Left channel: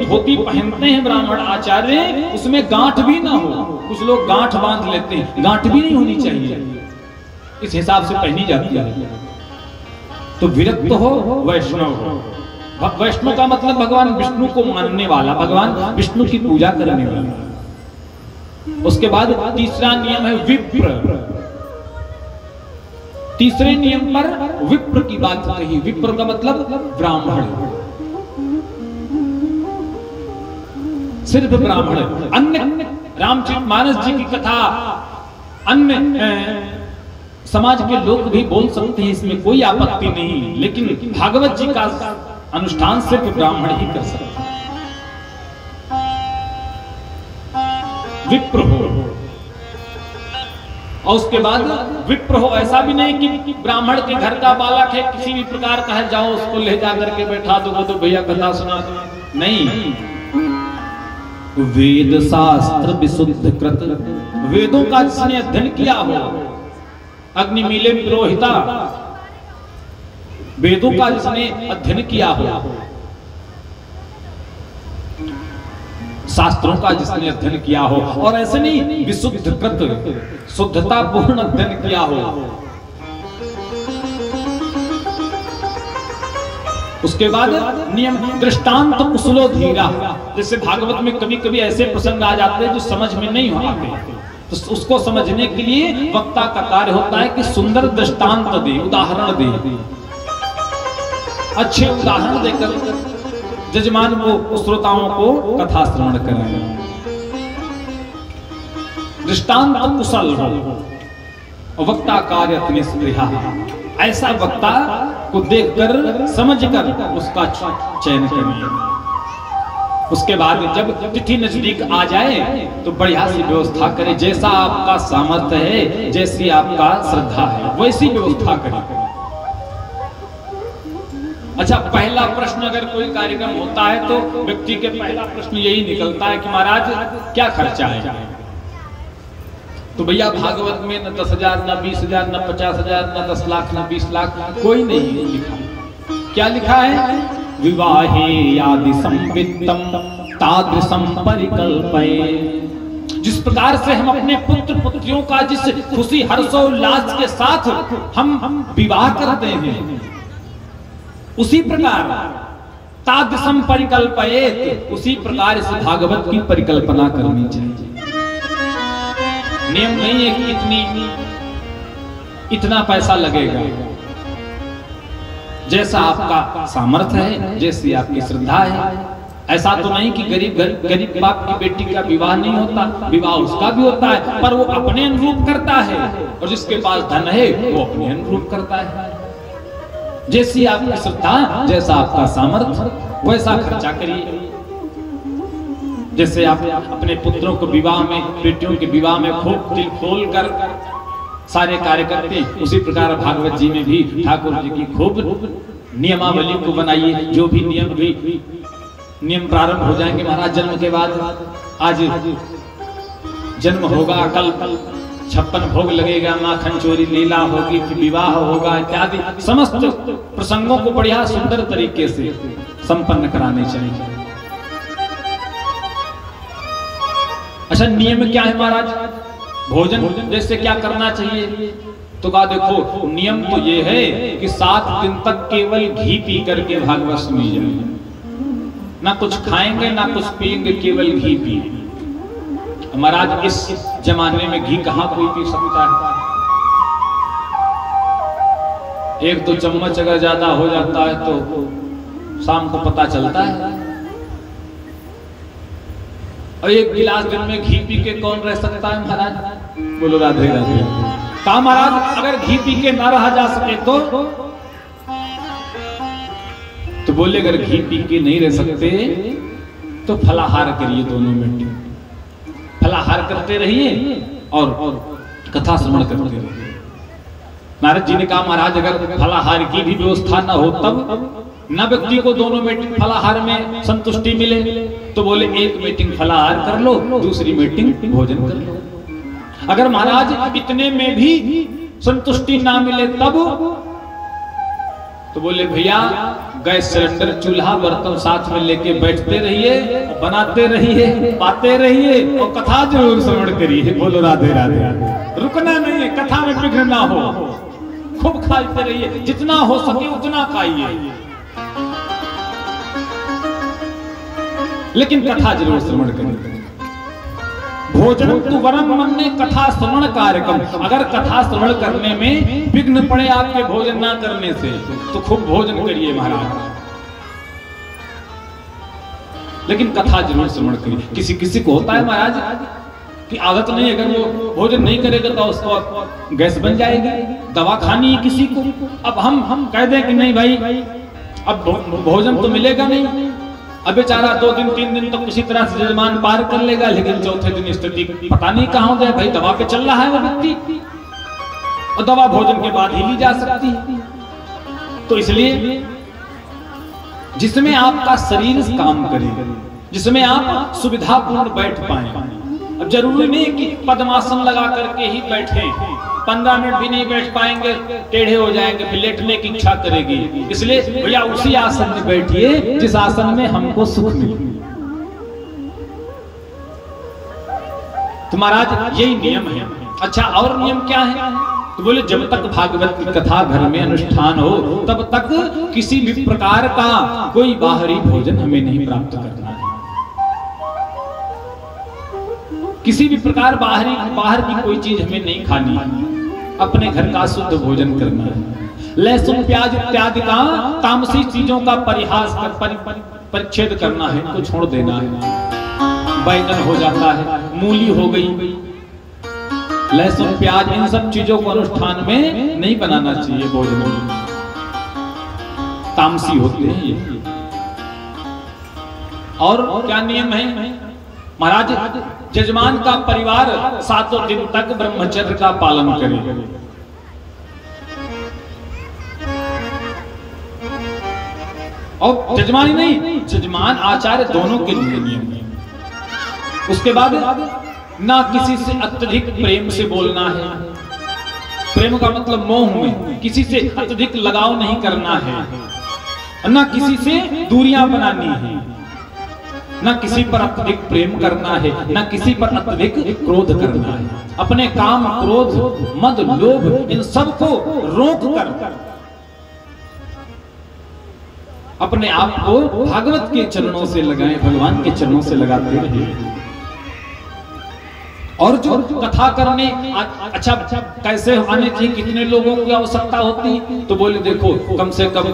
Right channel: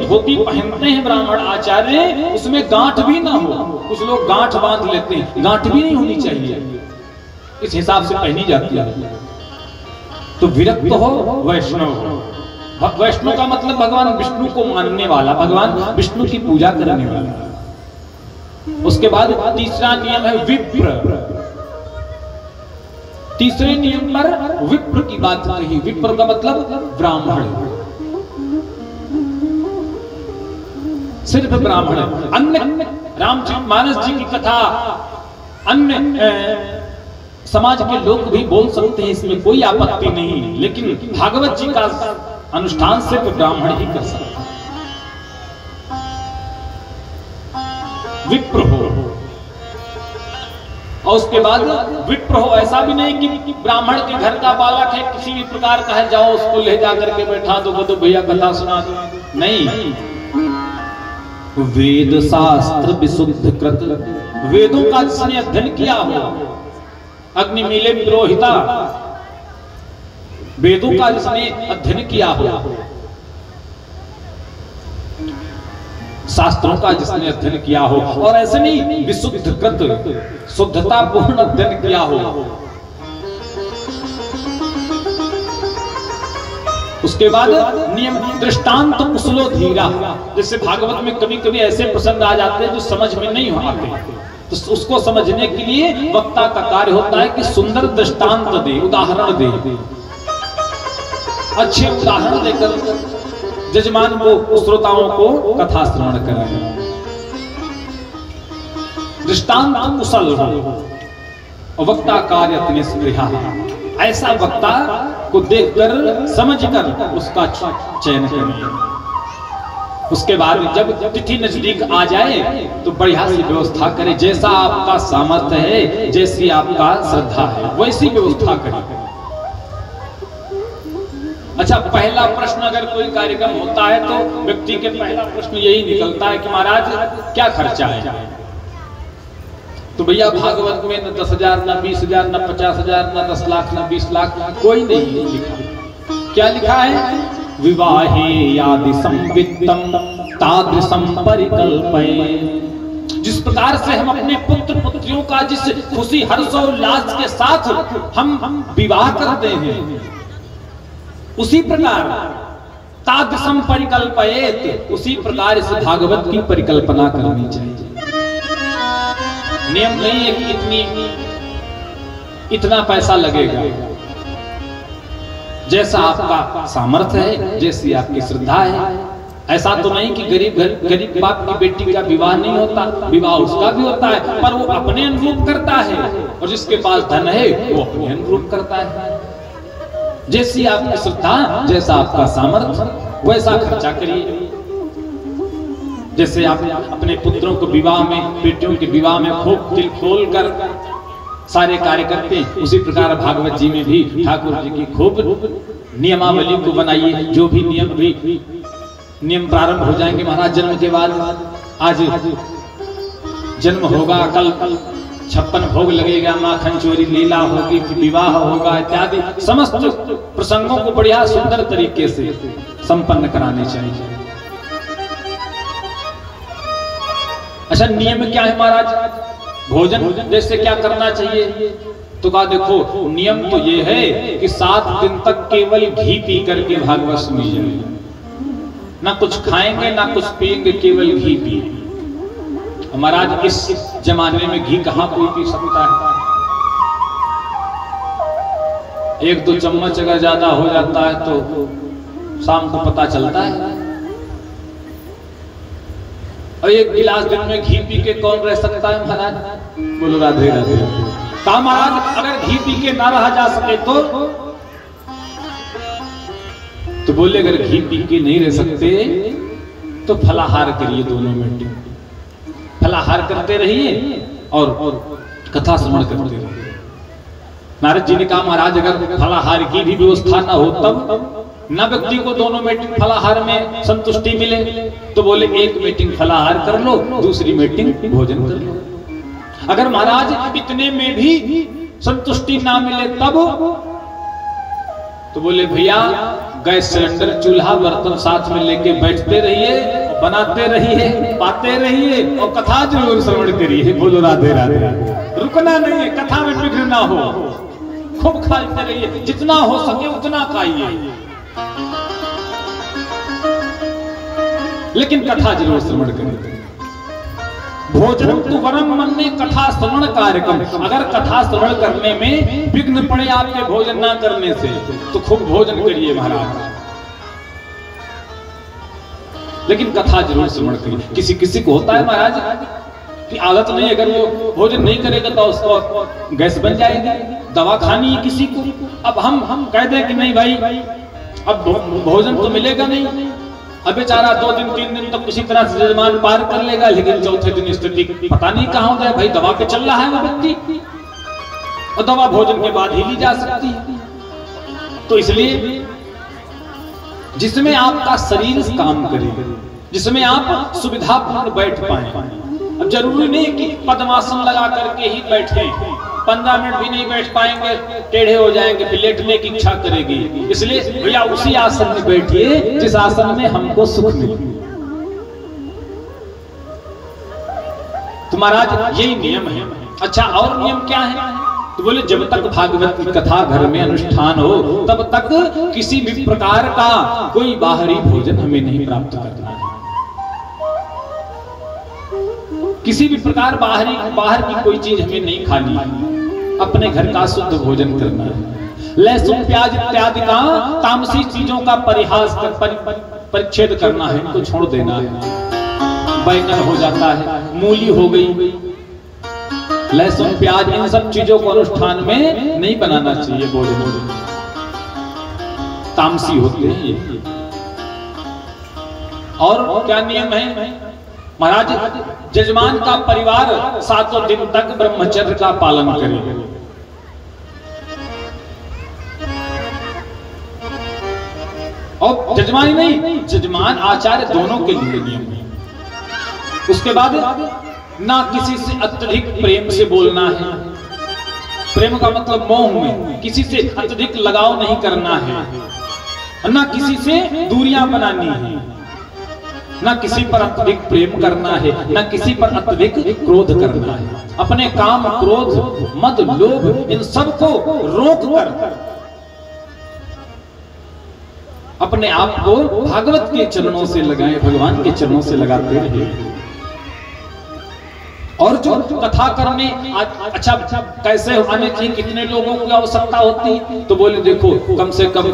धोती पहनते हैं ब्राह्मण आचार्य, उसमें गांठ भी ना हो। कुछ लोग गांठ बांध लेते हैं, गांठ भी नहीं होनी चाहिए, इस हिसाब से पहनी जाती है। तो विरक्त हो वैष्णव। वैष्णव का मतलब भगवान विष्णु को मानने वाला, भगवान विष्णु की पूजा करने वाला। उसके बाद तीसरा नियम है विप्र। तीसरे नियम पर विप्र की बात कही। विप्र का मतलब ब्राह्मण, सिर्फ ब्राह्मण। अन्य रामचरितमानस जी की कथा अन्य समाज के लोग भी बोल सकते हैं, इसमें कोई आपत्ति नहीं, लेकिन भागवत जी का अनुष्ठान सिर्फ ब्राह्मण ही कर सकता है। विप्र हो, और उसके बाद विप्र हो ऐसा भी नहीं कि ब्राह्मण के घर का बालक है, किसी भी प्रकार का है, जाओ उसको ले जा करके बैठा दो, तो भैया कथा सुना दो, नहीं। वेद शास्त्र विशुद्ध कृत, वेदों का जिसने अध्ययन किया हो, अग्निमीले पुरोहिता, वेदों का जिसने अध्ययन किया हो, शास्त्रों का जिसने अध्ययन किया हो, और ऐसे नहीं विशुद्ध कृत, शुद्धता पूर्ण अध्ययन किया हो। उसके बाद नियम दृष्टांत कुशलो धीरा। जैसे भागवत में कभी कभी ऐसे प्रसंग आ जाते हैं जो समझ में नहीं हो पाते, तो उसको समझने के लिए वक्ता का कार्य होता है कि सुंदर दृष्टांत दे, उदाहरण दे, अच्छे उदाहरण देकर जजमान को, श्रोताओं को कथा श्रवण कराएं। दृष्टांत कुशल हो और वक्ता कार्य अपने स्पृहा, ऐसा वक्ता को देखकर समझकर उसका चयन करें। उसके बाद जब तिथि नजदीक आ जाए तो बढ़िया सी व्यवस्था करें, जैसा आपका सामर्थ्य है, जैसी आपका श्रद्धा है, वैसी व्यवस्था करें। अच्छा, पहला प्रश्न अगर कोई कार्यक्रम होता है तो व्यक्ति के पहला प्रश्न यही निकलता है कि महाराज क्या खर्चा है? तो भैया भागवत में न 10,000, न 20,000, न 50,000, न 10 लाख, न 20 लाख, कोई नहीं लिखा। क्या लिखा है? विवाहे यादि संवित्तम तादृशम परिकल्पये। जिस प्रकार से हम अपने पुत्र पुत्रियों का जिस खुशी हर्ष और उल्लास के साथ हम विवाह करते हैं, उसी प्रकार तादृशम परिकल्पयेत, उसी प्रकार इस भागवत की परिकल्पना करनी चाहिए। नियम नहीं है कि इतना पैसा लगेगा, जैसा आपका सामर्थ्य है, जैसी आपकी श्रद्धा है। ऐसा तो नहीं कि गरीब बाप की बेटी का विवाह नहीं होता, विवाह उसका भी होता है, पर वो अपने अनुरूप करता है, और जिसके पास धन है वो अपने अनुरूप करता है। जैसी आपकी श्रद्धा, जैसा आपका सामर्थ्य, वैसा खर्चा करिए। जैसे आप अपने पुत्रों को विवाह में, बेटियों के विवाह में खूब दिल खोल कर सारे कार्य करते हैं, उसी प्रकार भागवत जी में भी ठाकुर जी की खूब नियमावली को बनाइए। जो भी नियम प्रारंभ हो जाएंगे, महाराज जन्म के बाद, आज जन्म होगा, कल 56 भोग लगेगा, माखन चोरी लीला होगी, विवाह होगा, इत्यादि समस्त प्रसंगों को बढ़िया सुंदर तरीके से संपन्न कराने चाहिए। अच्छा, नियम क्या है महाराज? भोजन जैसे क्या करना चाहिए? तो कहा देखो, नियम तो ये है कि 7 दिन तक केवल घी पी करके भागवत सुनिए जाए, ना कुछ खाएंगे ना कुछ पिएंगे, केवल घी पिए। महाराज इस जमाने में घी कहाँ कोई पी सकता है? 1-2 चम्मच अगर ज्यादा हो जाता है तो शाम को पता चलता है, और 1 गिलास दिन में घी पी के कौन रह सकता है महाराज? बोलो राधे राधे। कहा महाराज अगर घी पी के ना रहा जा सके तो बोले अगर घी पी के नहीं रह सकते तो फलाहार करिए, दोनों मिनट फलाहार करते रहिए और कथा श्रवण करते रहिए। नारद जी ने कहा महाराज अगर फलाहार की भी व्यवस्था ना हो तब न व्यक्ति को दोनों मीटिंग फलाहार में संतुष्टि मिले, तो बोले 1 मीटिंग फलाहार कर लो, दूसरी मीटिंग भोजन कर लो। अगर महाराज इतने में भी संतुष्टि ना मिले तब, तो बोले भैया गैस सिलेंडर चूल्हा बर्तन साथ में लेके बैठते रहिए, बनाते रहिए, पाते रहिए और कथा जरूर श्रवण करिए। बोलो राधे राधे। रुकना नहीं है, कथा में विघ्न ना हो, खूब खाते रहिए, जितना हो सके उतना खाइए, लेकिन कथा जरूर श्रवण करिए। भोजन तु वरम मन्ने कथा श्रवण कार्यक्रम। अगर कथा श्रवण करने में विघ्न पड़े आपके भोजन ना करने से, तो खूब भोजन करिए महाराज, लेकिन कथा जरूर श्रवण करिए। किसी किसी को होता है महाराज कि आदत नहीं, अगर वो भोजन नहीं करेगा तो उसको गैस बन जाएगी, दवा खानी है किसी को। अब हम कह दें कि नहीं भाई अब भोजन तो मिलेगा नहीं, अब बेचारा 2 दिन 3 दिन तक किसी तरह से जजमान पार कर लेगा, लेकिन चौथे दिन स्थिति पता नहीं कहां हो जाए। भाई दवा पे चल रहा है वो व्यक्ति, और दवा भोजन के बाद ही ली जा सकती है। तो इसलिए जिसमें आपका शरीर काम करे, जिसमें आप सुविधापूर्ण बैठ पाए। अब जरूरी नहीं कि पद्मासन लगा करके ही बैठे, 15 मिनट भी नहीं बैठ पाएंगे, टेढ़े हो जाएंगे, फिर लेटने की इच्छा करेगी। इसलिए भैया उसी आसन में बैठिए जिस आसन में हमको सुख मिले। तो महाराज यही नियम है। अच्छा, और नियम क्या है? तो बोले जब तक भागवत की कथा घर में अनुष्ठान हो तब तक किसी भी प्रकार का कोई बाहरी भोजन हमें नहीं प्राप्त करना है। किसी भी प्रकार बाहर की कोई चीज हमें नहीं खानी है, अपने घर का शुद्ध भोजन करना है। लहसुन प्याज इत्यादि का तामसी चीजों का परिच्छेद करना है, तो छोड़ देना है। बैंगन हो जाता है, मूली हो गई, लहसुन प्याज, इन सब चीजों को अनुष्ठान में नहीं बनाना चाहिए भोजन, तामसी होते हैं ये। और क्या नियम है महाराज? जजमान का परिवार 7 दिन तक ब्रह्मचर्य का पालन करे। और जजमान नहीं, जजमान आचार्य दोनों के लिए नियम है। उसके बाद ना किसी से अत्यधिक प्रेम से बोलना है, प्रेम का मतलब मोह में, किसी से अत्यधिक लगाव नहीं करना है, ना किसी से दूरियां बनानी है, ना किसी पर अत्यधिक प्रेम करना है, ना किसी पर अत्यधिक क्रोध करना है। अपने काम, क्रोध, मद, लोभ, इन सबको रोक कर अपने आप को भागवत के चरणों से लगाएं, भगवान के चरणों से लगाते रहिए। और जो कथा करने अच्छा कैसे आने की, कितने लोगों की आवश्यकता होती है? तो बोले देखो कम से कम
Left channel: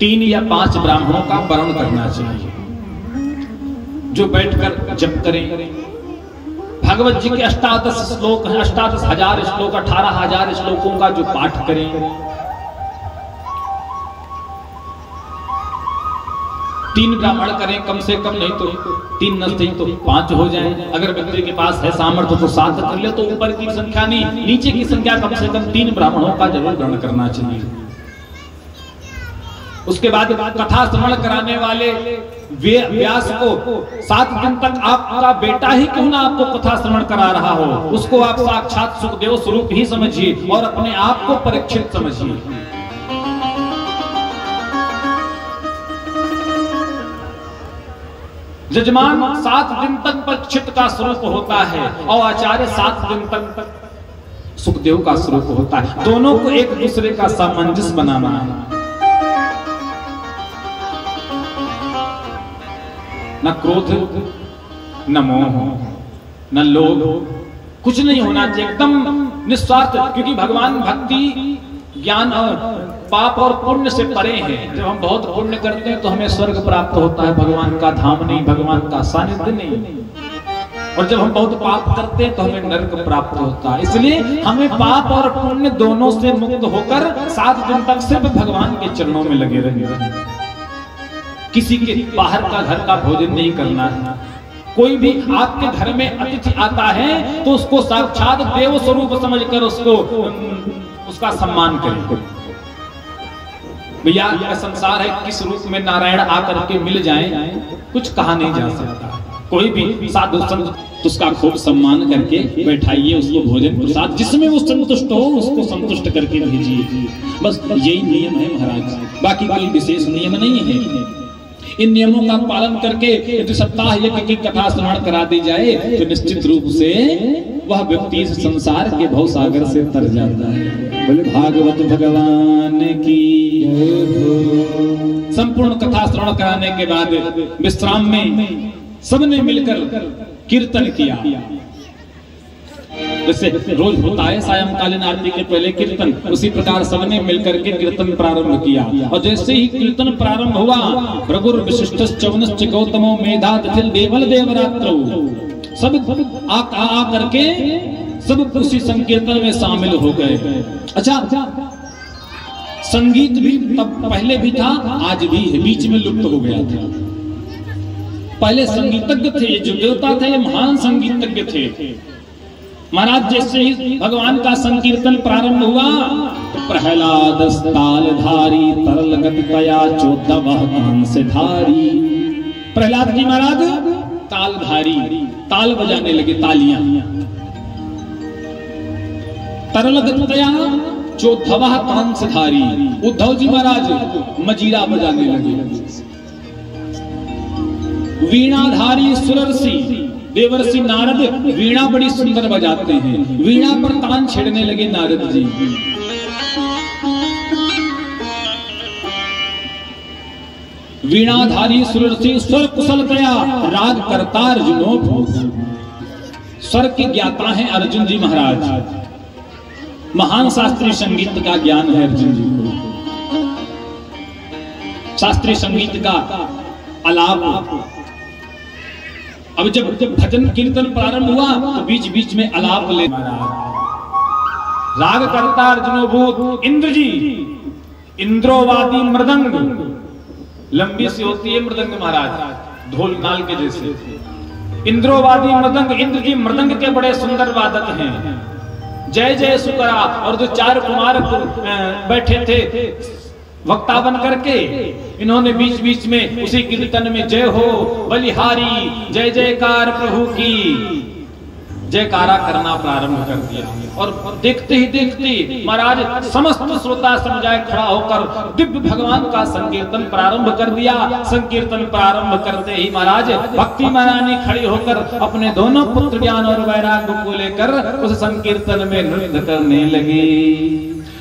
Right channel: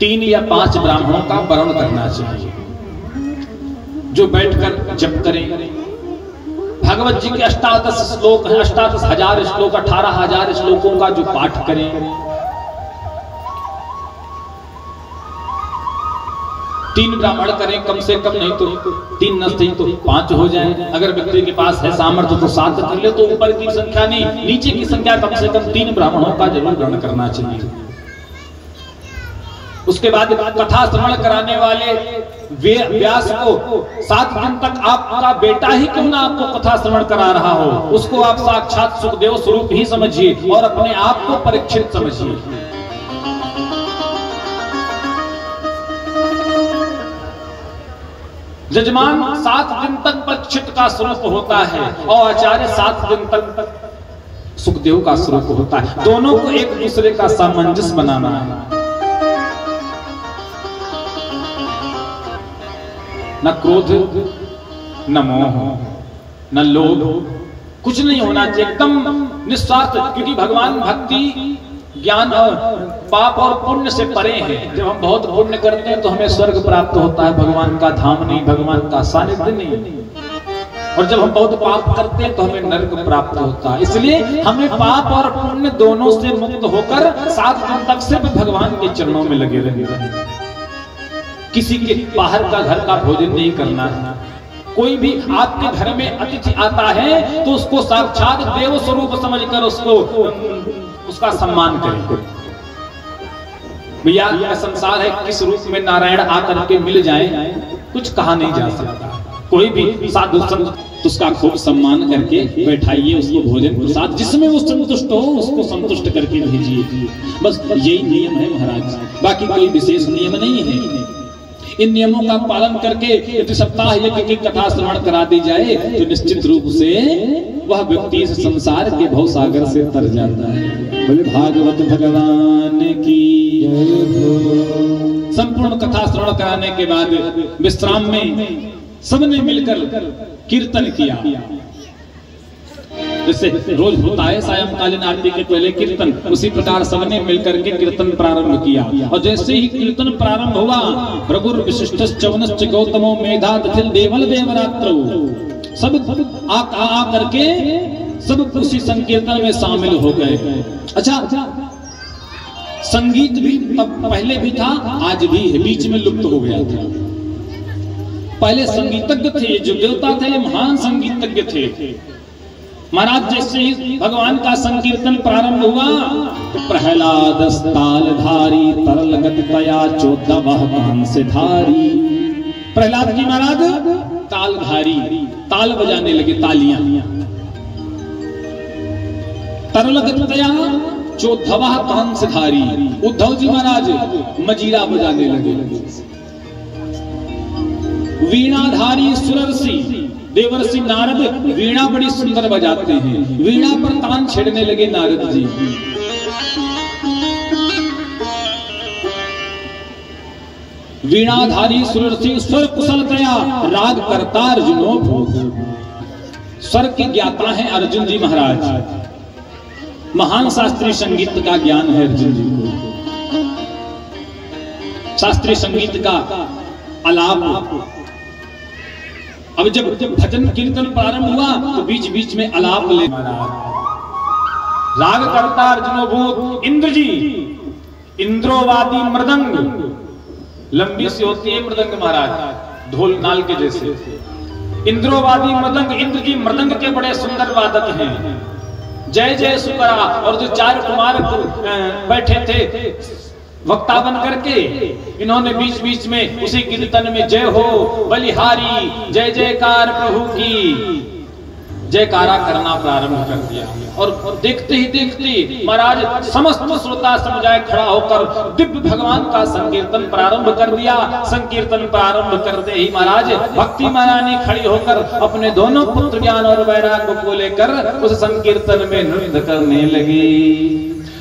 3 या 5 ब्राह्मणों का वर्ण करना चाहिए, जो बैठकर जप करें। भागवत जी के 88 श्लोक हैं, 88,000 श्लोक, 18,000 श्लोकों का जो पाठ करें। 3 ब्राह्मण करें कम से कम, नहीं तो 3 नहीं तो 5 हो जाए। अगर व्यक्ति के पास है सामर्थ्य तो 7 कर ले, तो ऊपर की संख्या नहीं, नीचे की संख्या कम से कम 3 ब्राह्मणों का जरूर ग्रहण करना चाहिए। उसके बाद कथा श्रवण कराने वाले व्यास को 7 दिन तक आपका बेटा ही क्यों ना आपको कथा श्रवण करा रहा हो, उसको आप साक्षात सुखदेव स्वरूप ही समझिए और अपने आप को परीक्षित समझिए। जजमान 7 दिन तक परीक्षित का स्वरूप होता है और आचार्य 7 दिन तक सुखदेव का स्वरूप होता है। दोनों को एक दूसरे का सामंजस्य बनाना है। न क्रोध, न मोह, न लोभ, कुछ नहीं होना चाहिए, एकदम निस्वार्थ। क्योंकि भगवान भक्ति, ज्ञान और पाप और पुण्य से परे हैं। जब हम बहुत पुण्य करते हैं तो हमें स्वर्ग प्राप्त होता है, भगवान का धाम नहीं, भगवान का सानिध्य नहीं। और जब हम बहुत पाप करते हैं तो हमें नरक प्राप्त होता है। इसलिए हमें पाप और पुण्य दोनों से मुक्त होकर 7 दिन तक सिर्फ भगवान के चरणों में लगे रहना। किसी के बाहर का घर का भोजन नहीं करना है। कोई भी आपके घर में अतिथि आता है तो उसको साक्षात देव स्वरूप समझकर उसको उसका सम्मान करें। भैया संसार है, किस रूप में नारायण आकर के मिल जाएं कुछ कहा नहीं जा सकता। कोई भी साधु संत तो उसका खूब सम्मान करके बैठाइए, उसको भोजन प्रसाद जिसमें वो संतुष्ट हो उसको संतुष्ट करके भेजिए। बस यही नियम है महाराज, बाकी कोई विशेष नियम नहीं है। इन नियमों का पालन करके यदि सप्ताह यज्ञ की कथा श्रवण करा दी जाए तो निश्चित रूप से वह व्यक्ति इस संसार के भव सागर से तर जाता है। बोले भागवत भगवान की। संपूर्ण कथा श्रवण कराने के बाद विश्राम में सबने मिलकर कीर्तन किया, जैसे रोज होता है सायंकालीन आरती के पहले कीर्तन, उसी प्रकार सबने मिलकर के कीर्तन प्रारंभ किया। और जैसे ही कीर्तन प्रारंभ हुआ, रघुर विशिष्टश्च च्यवनश्च गौतमो मेधातिथिर् देवल देवरात्रौ, सब आ करके सब उसी संकीर्तन में शामिल हो गए। अच्छा, संगीत भी तब पहले भी था, आज भी है, बीच में लुप्त हो गया था। पहले संगीतज्ञ थे, जो देवता थे महान संगीतज्ञ थे महाराज। जैसे ही भगवान का संकीर्तन प्रारंभ हुआ, प्रहलाद तालधारी तरलगत कया चोदवः कंसधारी। प्रहलाद जी महाराज तालधारी, ताल बजाने लगे, तालियां। तरलगत कया चोदवः कंसधारी, उद्धव जी महाराज मजीरा बजाने लगे। वीणाधारी सुरर्षि देवर्षि नारद वीणा बड़ी सुंदर बजाते हैं, वीणा पर तान छेड़ने लगे नारद जी। वीणाधारी सुरर्षि स्वर कुशल कया राग करता अर्जुनो भूत। स्वर के ज्ञाता है अर्जुन जी महाराज, महान शास्त्रीय संगीत का ज्ञान है अर्जुन जी को। शास्त्रीय संगीत का आलाप, अब जब भजन कीर्तन प्रारंभ हुआ तो बीच बीच में आलाप ले राग करता अर्जुनो भूत। इंद्र जी इंद्रोवादी मृदंग, लंबी सी होती है मृदंग महाराज, ढोल नाल के जैसे। इंद्रोवादी मृदंग, इंद्र जी मृदंग के बड़े सुंदर वादक हैं। जय जय सुकरा, और जो 4 कुमार बैठे थे वक्ता बन करके, इन्होंने बीच बीच में उसी कीर्तन में जय हो बलिहारी, जय जयकार प्रभु की जयकारा करना प्रारंभ कर दिया। और देखते ही देखते महाराज समस्त श्रोता समुदाय खड़ा होकर दिव्य भगवान का संकीर्तन प्रारंभ कर दिया। संकीर्तन प्रारंभ करते ही महाराज भक्ति महारानी खड़ी होकर अपने दोनों पुत्र ज्ञान और वैराग को लेकर उस संकीर्तन में नृत्य करने लगी।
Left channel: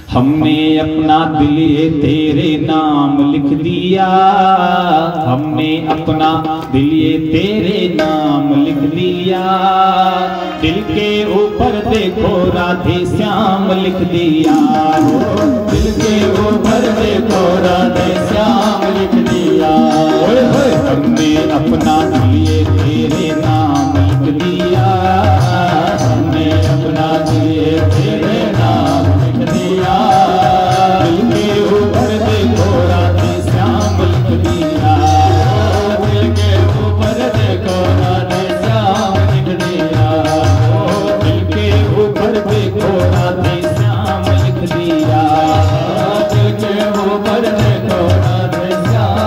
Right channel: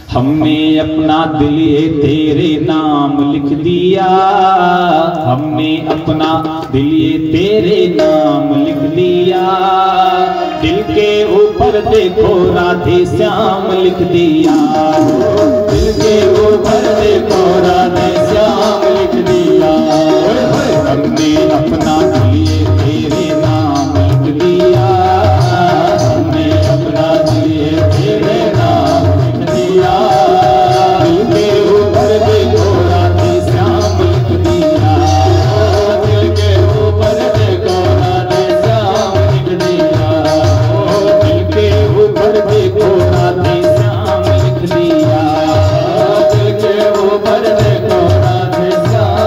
हमने अपना दिल तेरे नाम लिख दिया, हमने अपना दिल तेरे नाम लिख दिया। दिल के ऊपर देखो राधे श्याम लिख दिया, दिल के ऊपर देखो राधे श्याम लिख दिया। हमने अपना दिल तेरे नाम लिख दिया, हमने अपना दिल तेरे नाम लिख दिया। दिल के ऊपर देखो राधे श्याम लिख दिया, दिल के ऊपर देखो राधे श्याम लिख दिया। दिल के ऊपर देखो राधे श्याम लिख दिया, दिल के ऊपर देखो राधे श्याम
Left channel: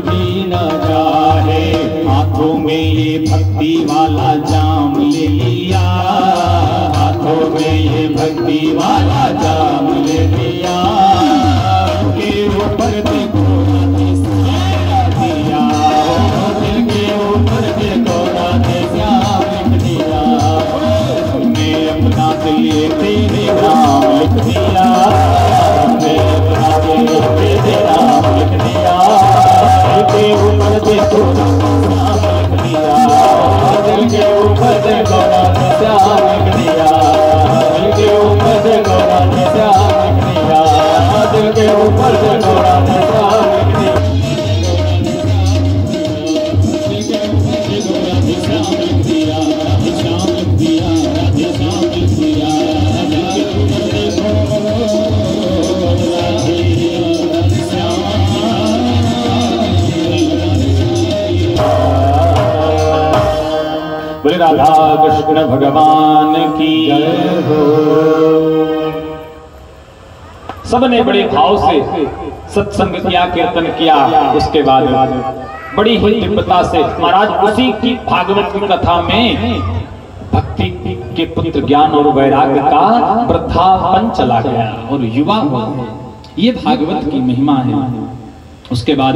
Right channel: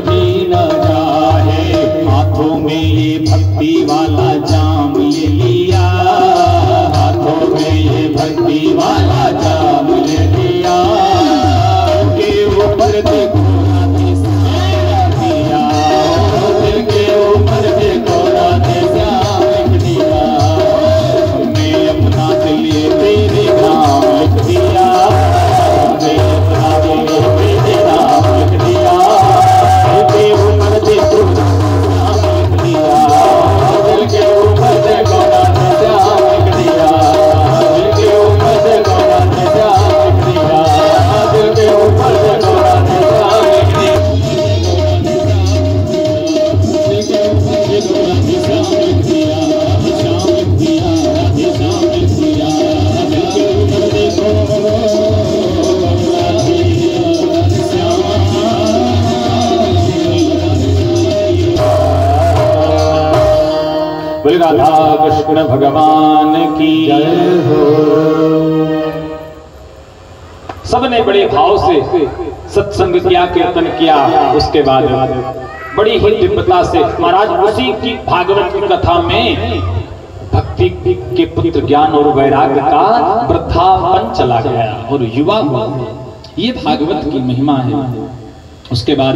भी न चाहे, हाथों में ये भक्ति वाला जाम ले लिया, हाथों में ये भक्ति वाला जाम ले लिया, के ऊपर देखो राधे श्याम दिया, दिल के ऊपर देखो राधे श्याम दिया, मैं अपना दिल तेरे नाम लिख दिया, मैं अपना दिल तेरे नाम लिख दिया, दिल के ऊपर देखो राधे श्याम लिख दिया, दिल के ऊपर देखो राधे श्याम लिख दिया, दिल के ऊपर देखो राधे श्याम लिख दिया, दिल के ऊपर देखो राधे श्याम लिख दिया, दिल के ऊपर देखो राधे श्याम लिख दिया, राधे श्याम लिख दिया, राधे श्याम लिख दिया, दिल के ऊपर देखो राधे श्याम। बोले राधा कृष्ण भगवान की जय हो। सबने बड़े भाव से सत्संग किया, कीर्तन किया। उसके बाद बड़ी ही दिव्यता से महाराज उसी की भागवत की कथा में भक्ति के पुत्र ज्ञान और वैराग्य का वृद्धापन चला गया और युवा हुआ। ये भागवत की महिमा है। उसके बाद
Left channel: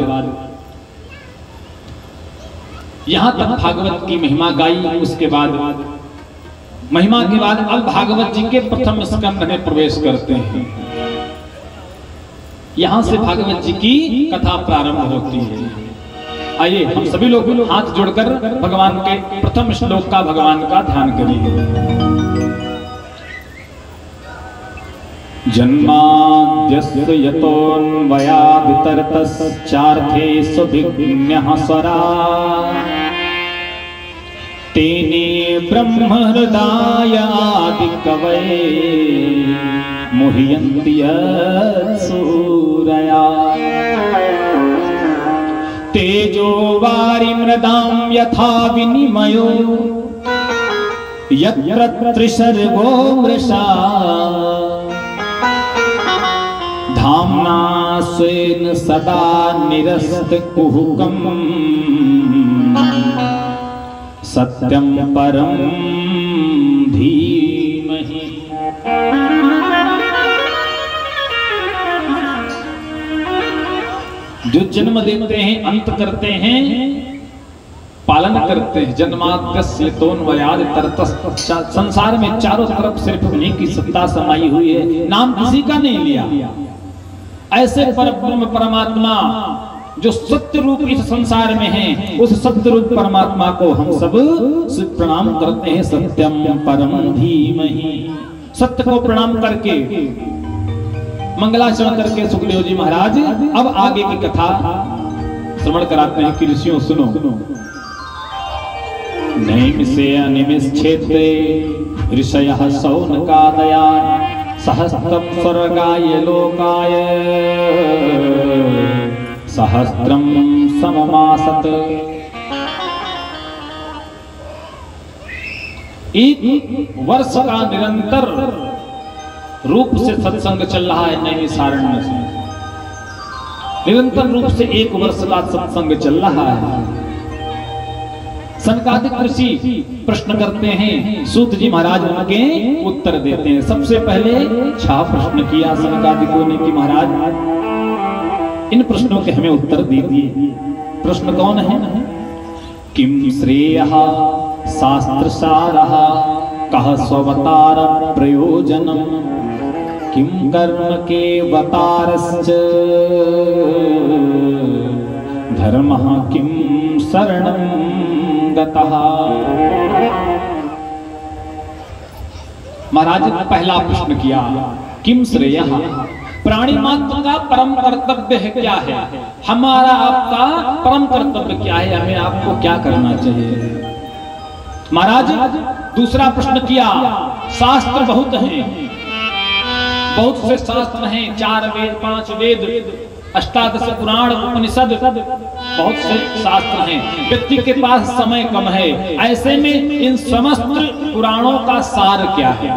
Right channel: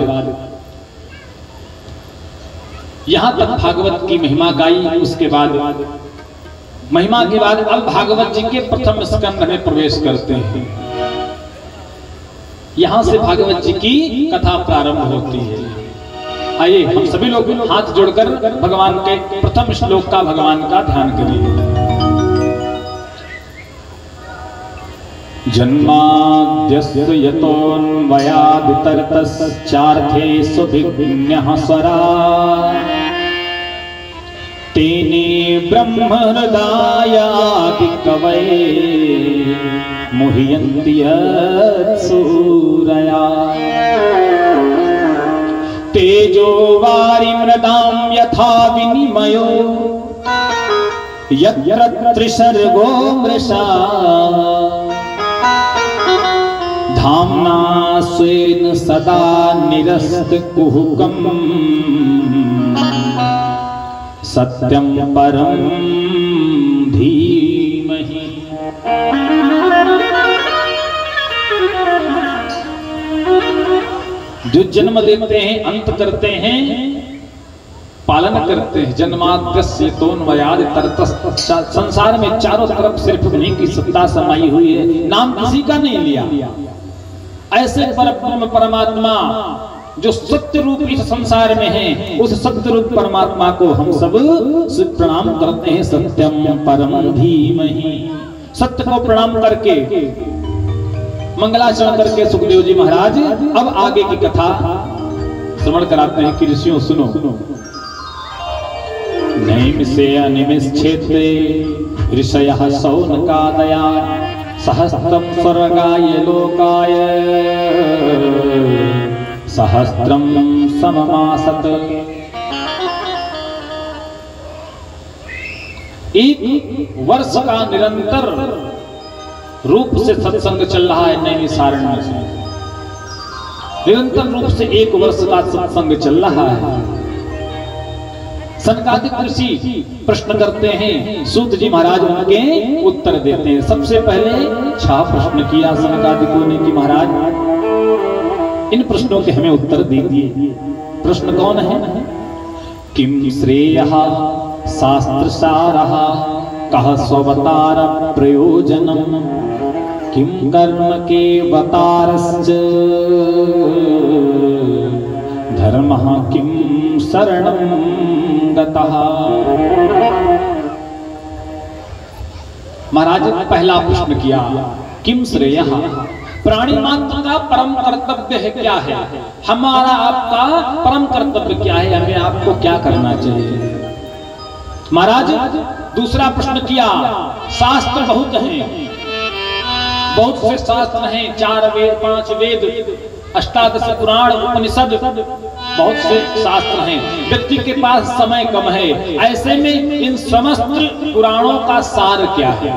यहां तक भागवत की महिमा गाई। उसके बाद महिमा के बाद अब भागवत जी के प्रथम स्कंद में प्रवेश करते हैं। यहां से भागवत जी की कथा प्रारंभ होती है। आइए हम सभी लोग हाथ जोड़कर भगवान के प्रथम श्लोक का भगवान का ध्यान करिए। जन्माद्यस्य यतोऽन्वयाद् तर्तश्चार्थे सुभिज्ञः स्वरा तेने ब्रह्महृदायादि कवये मुह्यन्ति यत्सूरया तेजो वारिमृदां यथा विनिमयो यत्र त्रिसर्गो मृषा धाम्ना स्वेन सदा निरस्तकुहकम् सत्यं परं धीमहि। जो जन्म देते हैं, अंत करते हैं, पालन करते हैं। जन्माद्यस्य तोन्वयाद् तर्तश्च। संसार में चारों तरफ सिर्फ उन्हीं की सत्ता समाई हुई है, नाम किसी का नहीं लिया। ऐसे परब्रह्म परमात्मा जो सत्य रूप इस संसार में है, उस सत्य रूप परमात्मा को हम सब प्रणाम करते हैं। सत्यम परम धीमहि। सत्य को प्रणाम करके मंगलाचरण करके सुखदेव जी महाराज अब आगे की कथा श्रवण कराते हैं कि ऋषियों सुनो। नैमिषे अनिमिषेत्रे ऋषयः शौनकादया सहस्त्रं स्वर्गाय लोकाय सहस्त्रं सममासत। एक वर्ष का निरंतर रूप से सत्संग चल रहा है नैमिषारण्य से। निरंतर रूप से एक वर्ष का सत्संग चल रहा है। सनकादिक ऋषि प्रश्न करते हैं, सूत जी महाराज उनके उत्तर देते हैं। सबसे पहले 6 प्रश्न किया सनकादिकों ने कि महाराज इन प्रश्नों के हमें उत्तर दीजिए। प्रश्न कौन है? किम श्रेयः शास्त्रसारः कः स्ववतार प्रयोजनम किम कर्म के वतारश्च धर्मः किम शरणं गतः। महाराज ने पहला प्रश्न किया, किम श्रेयः, प्राणी मात्र का परम कर्तव्य है क्या है? हमारा आपका परम कर्तव्य क्या है? हमें आपको क्या करना चाहिए? महाराज दूसरा प्रश्न किया, शास्त्र बहुत हैं, बहुत से शास्त्र हैं, 4 वेद 5 वेद 18 पुराण उपनिषद, बहुत से शास्त्र हैं। व्यक्ति के पास समय कम है, ऐसे में इन समस्त पुराणों का सार क्या है?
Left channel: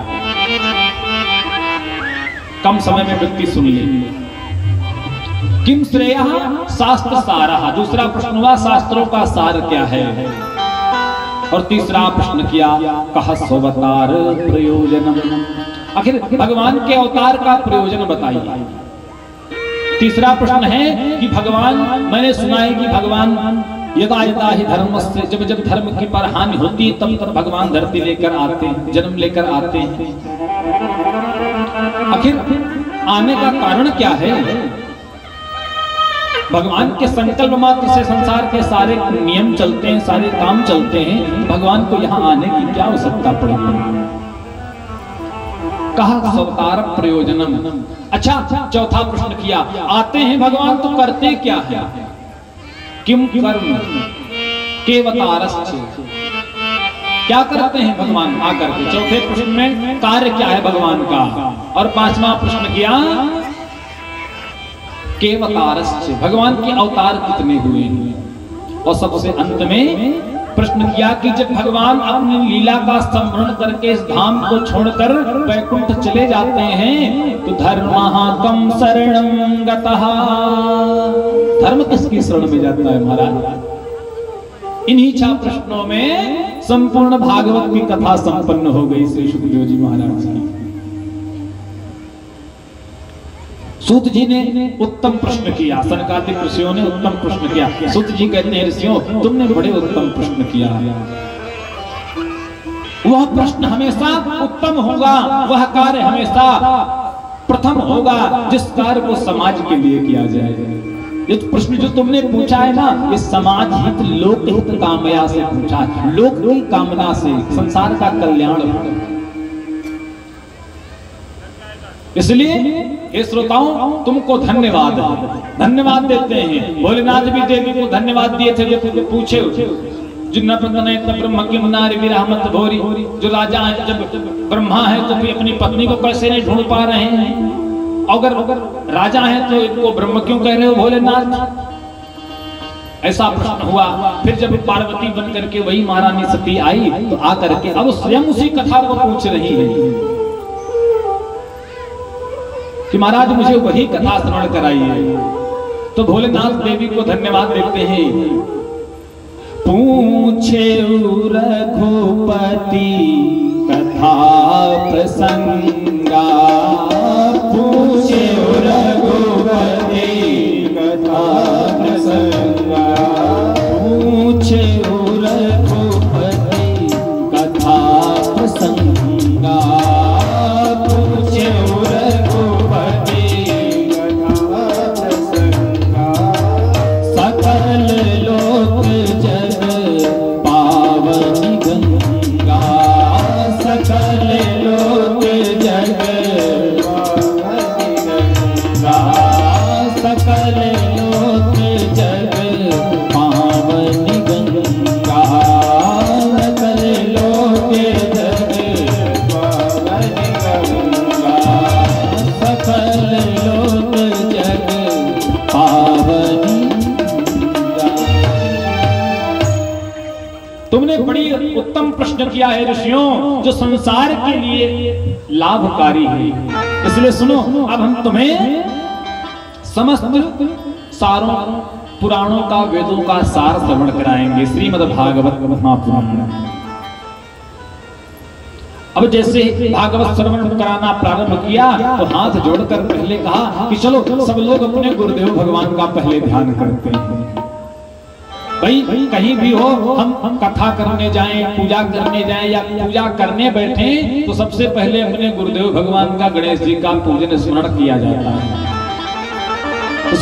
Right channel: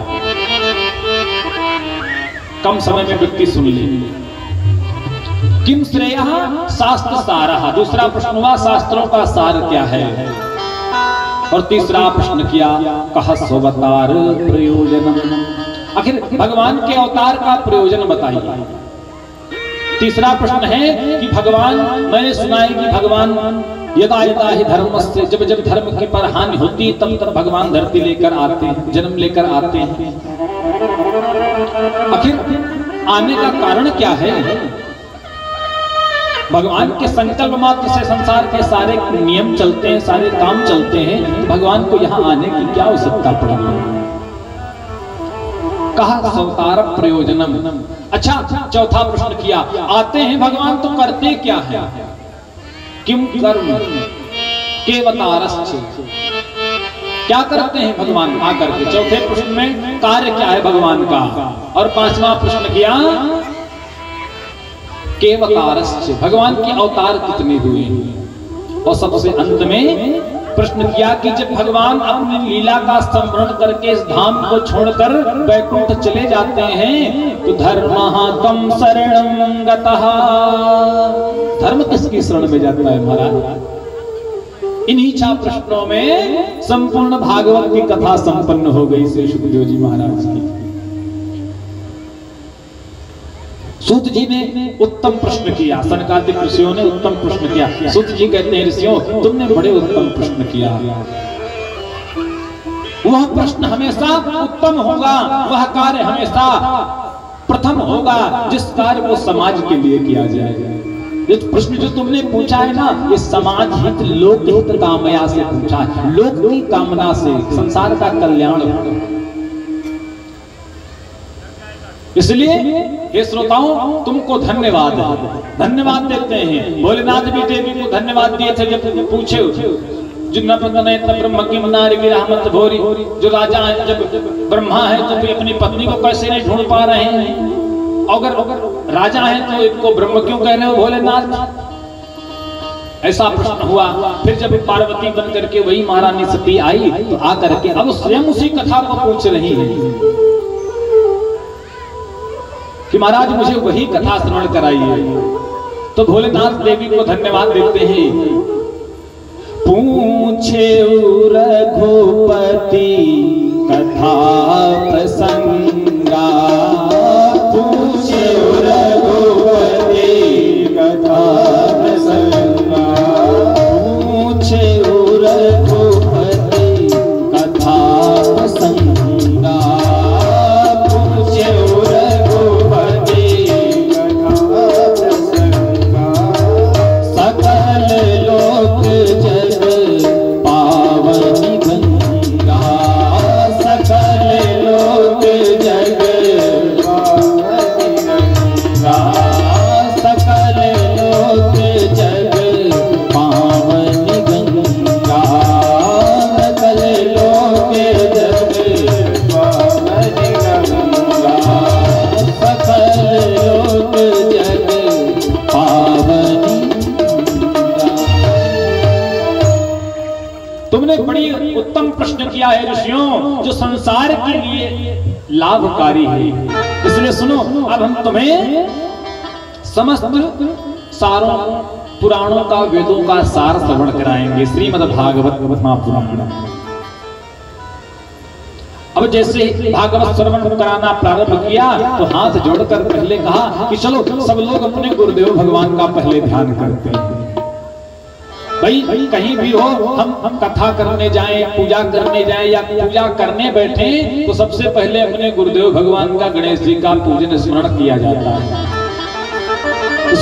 कम समय में व्यक्ति सुन ले। किम श्रेयः शास्त्र सारः, दूसरा प्रश्न हुआ शास्त्रों का सार क्या है, और तीसरा प्रश्न किया कह स्वतार प्रयोजनम, आखिर भगवान के अवतार का प्रयोजन बताइए। तीसरा प्रश्न है कि भगवान, मैंने सुना है कि भगवान यदा यदा ही धर्म से, जब जब धर्म के पर हानि होती तब तब भगवान धरती लेकर आते हैं, जन्म लेकर आते हैं। आखिर आने का कारण क्या है? भगवान के संकल्प मात्र से संसार के सारे नियम चलते हैं, सारे काम चलते हैं, तो भगवान को यहाँ आने की क्या आवश्यकता पड़ी? कहा अवतार प्रयोजनम। अच्छा, चौथा प्रश्न किया आते हैं भगवान तो करते क्या है? किम कर्म केवतारश्च, क्या करते हैं भगवान आकर के? चौथे प्रश्न में कार्य क्या है भगवान का, और पांचवा प्रश्न किया केवतारश्च, भगवान के अवतार कितने हुए हैं, और सबसे अंत में प्रश्न किया कि जब भगवान अपनी लीला का स्मरण करके इस धाम को छोड़कर वैकुंठ चले जाते हैं तो धर्मः कम शरणं गतः, धर्म किसकी शरण में जाता है महाराज? इन्हीं 6 प्रश्नों में संपूर्ण भागवत की कथा संपन्न हो गई श्री सुखदेव जी महाराज की। सूत जी ने उत्तम प्रश्न किया, सनकादिक ऋषियों ने उत्तम प्रश्न किया। सूत जी कहते हैं ऋषियों तुमने बड़े उत्तम प्रश्न किया। वह प्रश्न हमेशा उत्तम होगा, वह कार्य हमेशा प्रथम होगा जिस कार्य को समाज के लिए किया जाए। ये प्रश्न जो तुमने पूछा है ना, ये समाज हित लोक हित कामया से पूछा है, लोक की कामना से, संसार का कल्याण। इसलिए हे श्रोताओं तुमको धन्यवाद धन्यवाद देते हैं। भोलेनाथ भी देवी को धन्यवाद दिए थे जब पूछे जो ब्रह्म की नारी विरामत भोरी, जो राजा है जब ब्रह्मा है तो भी अपनी पत्नी को कैसे नहीं ढूंढ पा रहे हैं, अगर राजा है तो इनको ब्रह्म क्यों कह रहे हो भोलेनाथ? ऐसा प्रश्न हुआ। फिर जब पार्वती बन करके वही महारानी सती आई तो आकर के अब स्वयं उसी कथा को पूछ रही है कि महाराज मुझे वही कथा श्रवण कराइए। तो भोलेनाथ देवी को धन्यवाद देते हैं। पूछे रघुपति कथा प्रसंगा, पूछे रघुपति कथा प्रसंगा, पूछे रघुपति कथा प्रसंगा, पूछे किया है ऋषियों जो संसार के लिए लाभकारी है। इसलिए सुनो, अब हम तुम्हें समस्त सारों पुराणों का, वेदों का सार श्रवण कराएंगे, श्रीमद् भागवत महापुराण। अब जैसे भागवत श्रवण कराना प्रारंभ किया तो हाथ जोड़कर पहले कहा कि चलो सब लोग अपने गुरुदेव भगवान का पहले ध्यान करते हैं। भाई कहीं भी हो, हम कथा करने जाएं, पूजा करने जाएं या पूजा करने बैठे तो सबसे पहले अपने गुरुदेव भगवान का, गणेश जी का पूजन स्मरण किया जाता है। तो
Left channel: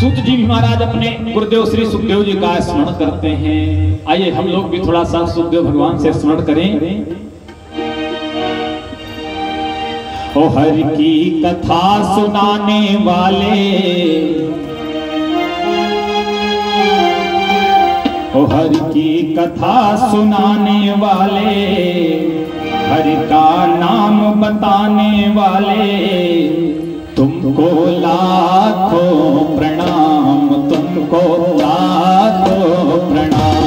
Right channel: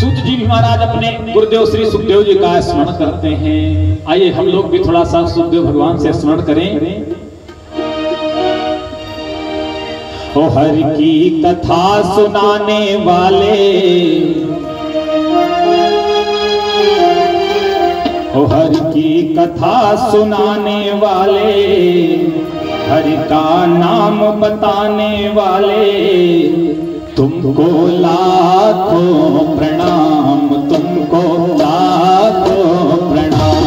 सूत जी महाराज अपने गुरुदेव श्री सुखदेव जी का स्मरण करते हैं। आइए हम लोग भी थोड़ा सा सुखदेव भगवान से स्मरण करें। ओ हरि की कथा सुनाने वाले, ओ हरि की कथा सुनाने वाले, हरि का नाम बताने वाले, तुमको लाखों प्रणाम, तुमको लाखों प्रणाम,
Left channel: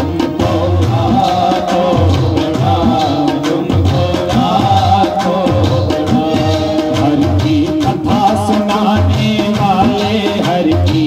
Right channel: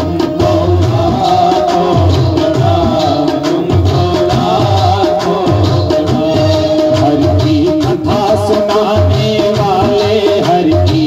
तुमको लाखों प्रणाम, तुमको लाखों प्रणाम। हरि की कथा सुनाने वाले, हरि की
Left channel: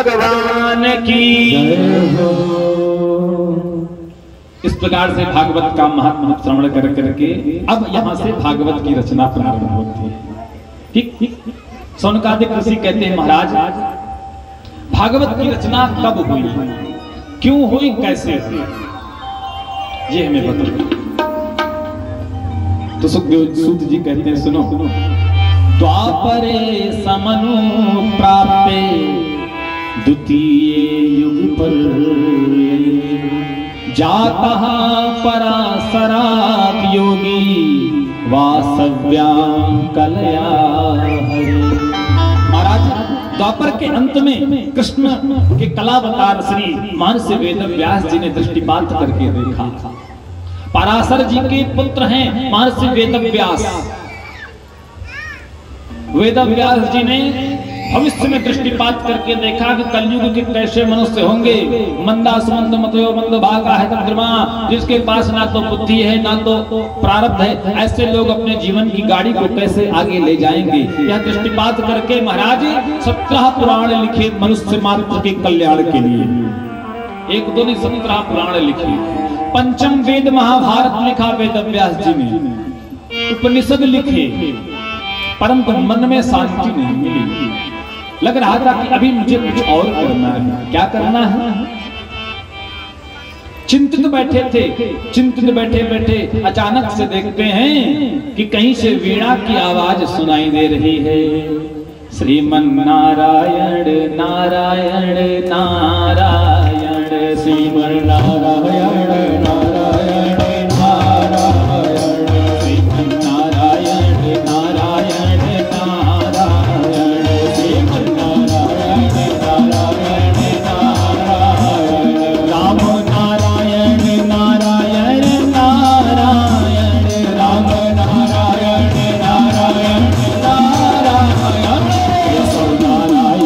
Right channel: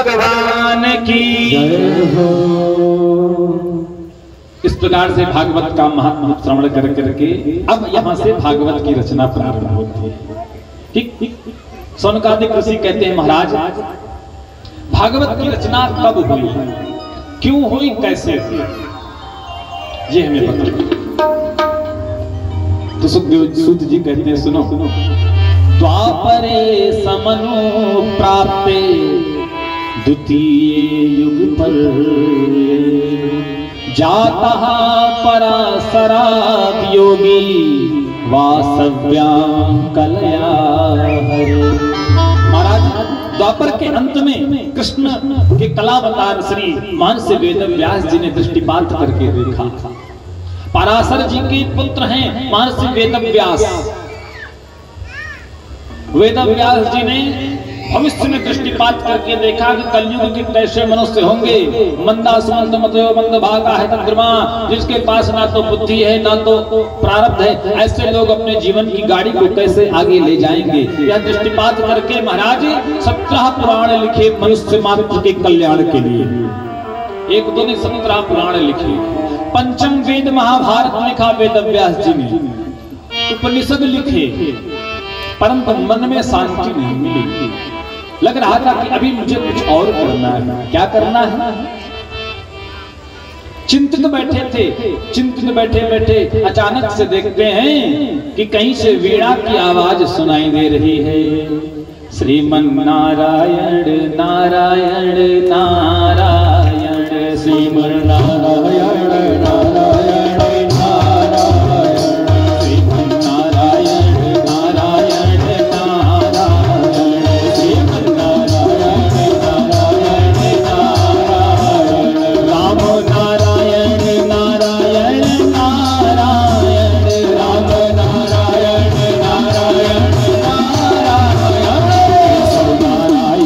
भगवान की जय हो। इस प्रकार से भागवत का महात्मा श्रवण कर करके अब यहाँ से भागवत की रचना प्रारंभ होती है। ठीक। सौनकादिक ऋषि कहते हैं महाराज भागवत की रचना कब हुई, क्यों हुई, कैसे हुई, ये हमें बता। तो सुखदेव सूत जी कहते हैं सुनो, द्वापरे समनु प्राप्ते द्वितीय युग पर जाता पराशरा योगी वासव्यां कलया हरे। महाराज द्वापर के अंत में कृष्ण के कलावतार श्री मानस वेद व्यास जी ने दृष्टिपात करके देखा। पराशर जी के पुत्र हैं मानस वेद व्यास। वेद व्यास जी ने भविष्य में दृष्टिपात करके देखा कि कलयुग के कैसे मनुष्य होंगे। मंदासमंद मतलब मंदभागा है चंद्रमा, जिसके पास ना तो बुद्धि है ना तो प्रारब्ध है, ऐसे लोग अपने जीवन की गाड़ी को कैसे आगे ले जाएंगे। यह दृष्टिपात करके महाराज 17 पुराण लिखे मनुष्य मात्र के कल्याण के लिए। एक दो नहीं 17 पुराण लिखे। पंचम वेद महाभारत लिखा वेद व्यास जी ने। उपनिषद लिखे, परंतु मन में शांति नहीं मिली। लग रहा था कि अभी मुझे कुछ और करना है। क्या करना है? चिंतित बैठे थे। चिंतित बैठे बैठे अचानक से देखते हैं कि कहीं से वीणा की आवाज सुनाई दे रही है। श्रीमन नारायण नारायण नारायण, श्रीमन नारायण नारायण नारायण, श्रीमन नारायण नारायण नारायण, श्रीमन नारायण नारायण नारायण, राम नारायण नारायण नारायण, राम नारायण नारायण नारायण, केशव नारायण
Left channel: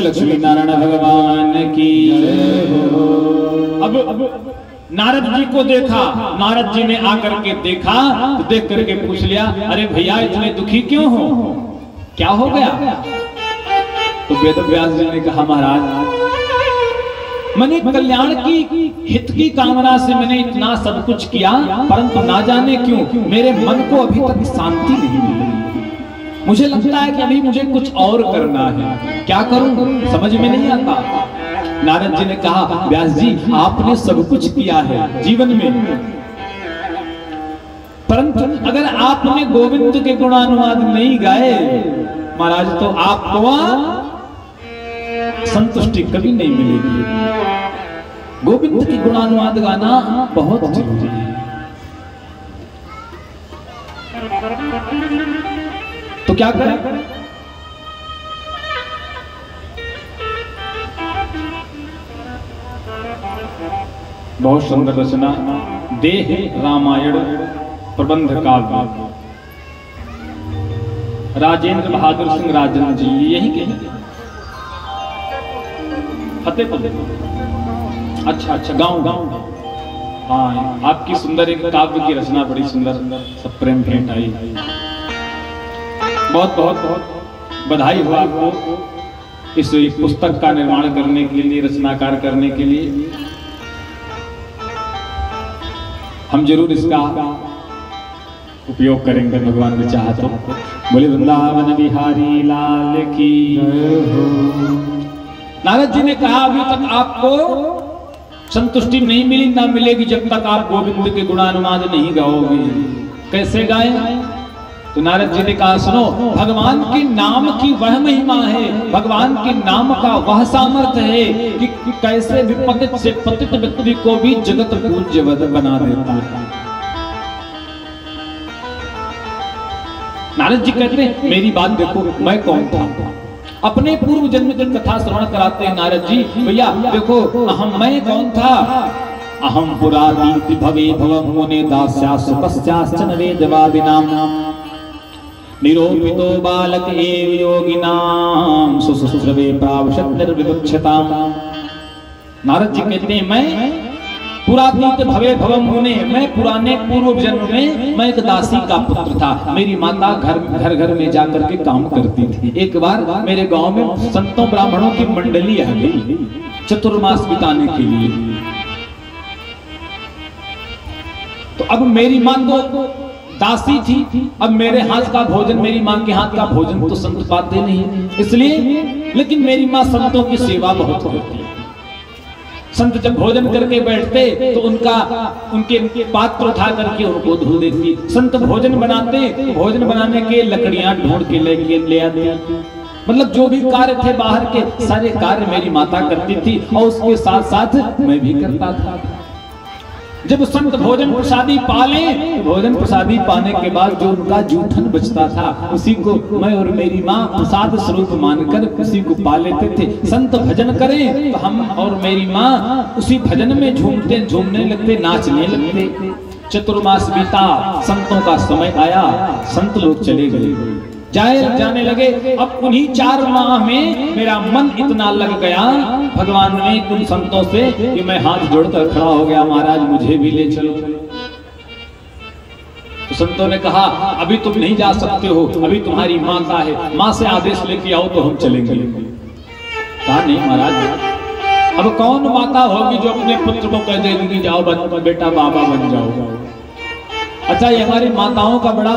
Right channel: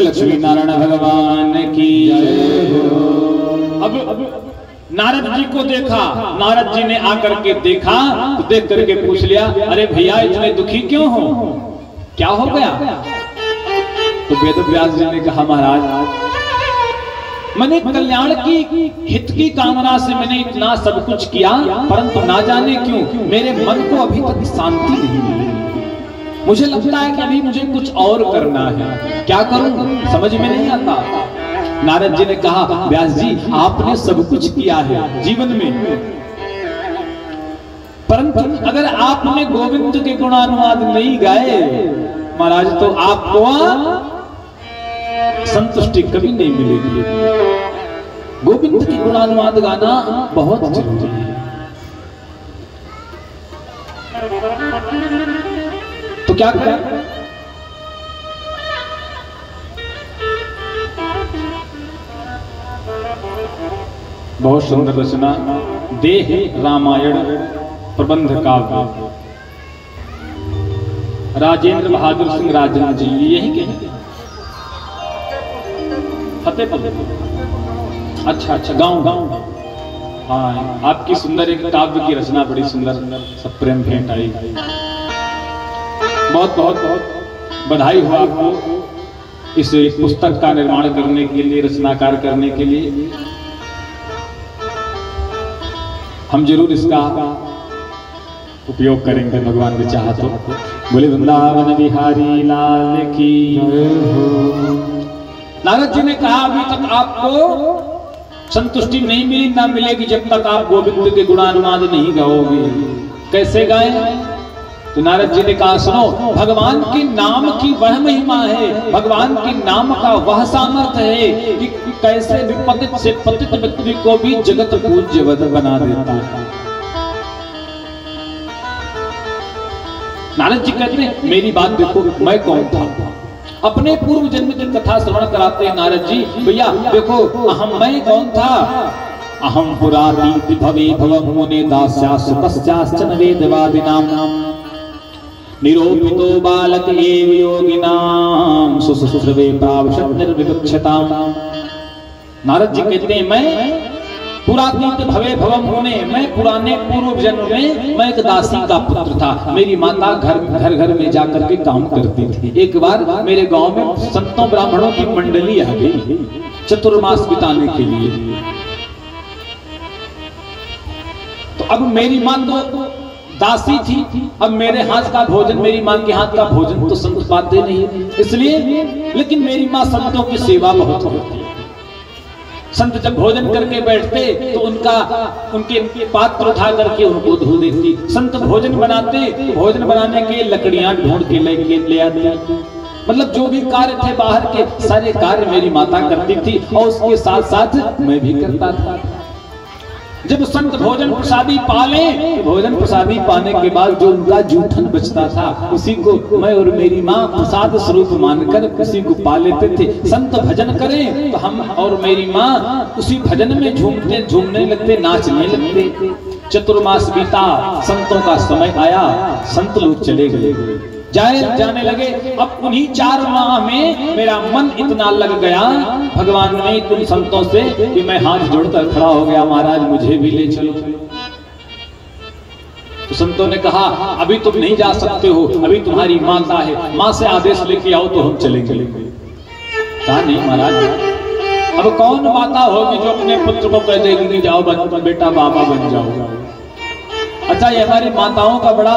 लक्ष्मी नारायण भगवान की जय हो। अब नारद जी को देखा। नारद जी ने आकर के देखा तो देख करके पूछ लिया, अरे भैया इतने दुखी क्यों हो, क्या हो गया? तो वेद व्यास जी ने कहा, महाराज मैंने कल्याण की हित की कामना से मैंने इतना सब कुछ किया, परंतु ना जाने क्यों मेरे मन को अभी तक शांति नहीं मिली। मुझे लगता है कि अभी मुझे कुछ और करना है। क्या करूं समझ में नहीं आता। नारद जी ने कहा, व्यास जी आपने सब कुछ किया है जीवन में, परंतु अगर आपने गोविंद के गुणानुवाद नहीं गाए महाराज तो आपको संतुष्टि कभी नहीं मिलेगी। गोविंद के गुणानुवाद गाना बहुत जरूरी है। तो क्या करें? बहुत सुंदर रचना देह रामायण प्रबंध काव्य, राजेंद्र बहादुर सिंह राजन जी यही के फतेहपुर। अच्छा गांव हाँ, आपकी सुंदर एक काव्य की रचना बड़ी सुंदर सब प्रेम भेंट आई। बहुत बहुत बहुत बधाई हो आपको इस पुस्तक का निर्माण करने के लिए, रचनाकार करने के लिए। हम जरूर इसका उपयोग करेंगे भगवान भी चाहा तो। बोले वृंदावन बिहारी लाल की जय हो। नारद जी ने कहा, अभी तक आपको संतुष्टि नहीं मिली, ना मिलेगी जब तक आप गोविंद के गुणानुवाद नहीं गाओगे। कैसे गाएं? तो नारद जी ने कहा, सुनो, भगवान के नाम की वह महिमा है, भगवान के नाम का वह सामर्थ्य है कि कैसे विपतित से पतित व्यक्ति को भी जगत पूज्यवत बना देता है। नारद जी कहते हैं, मेरी बात देखो, मैं कौन था? अपने पूर्व जन्म की कथा श्रवण कराते हैं नारद जी। भैया देखो, मैं कौन था? अहम पुराती भवे भव मुने दास्यास पश्चाश्चन वेदवादिनाम। निरोपितो बालक एव योगिनाम सुश्रुवे प्रावशत निर्विवक्षताम। नारद जी कहते हैं मैं पुरातीत भवे भवम होने, मैं पुराने पूर्व जन्म में मैं एक दासी का पुत्र था। मेरी माता घर घर में जाकर के काम करती थी। एक बार मेरे गांव में संतों ब्राह्मणों की मंडली आ गई चतुर्मास बिताने के लिए। तो अब मेरी मां तो दासी थी, अब मेरे हाथ का भोजन, मेरी मां के हाथ का भोजन तो संत पाते नहीं, इसलिए लेकिन मेरी मां संतों की सेवा बहुत करती। संत जब भोजन करके बैठते तो उनके पात्र उठा करके उनको धो देती। संत भोजन बनाते, भोजन बनाने के लकड़ियां ढूंढ के ले आते। मतलब जो भी कार्य थे बाहर के सारे कार्य मेरी माता करती थी और उसके साथ साथ मैं भी करता था। जब संत भोजन प्रसादी पाले, भोजन प्रसादी पाने के बाद जो उनका जूठन बचता था उसी को मैं और मेरी माँ प्रसाद स्वरूप मानकर उसी को पा लेते थे। संत भजन करें तो हम और मेरी माँ उसी भजन में झूमने लगते, नाचने लगते। चतुर्मास बीता, संतों का समय आया, संत लोग चले गए, जाने लगे। अब उन्हीं 4 माह में मेरा मन इतना लग गया भगवान ने तुम संतों से कि मैं हाथ जोड़कर खड़ा हो गया, महाराज मुझे भी ले चलो। तो संतों ने कहा अभी तुम नहीं जा सकते हो, अभी तुम्हारी माता है, माँ से आदेश लेके आओ तो हम चलेंगे। कहा नहीं महाराज, अब कौन माता होगी जो अपने पुत्र को कह देगी जाओ बेटा बाबा बन जाओ। अच्छा, ये हमारी माताओं का बड़ा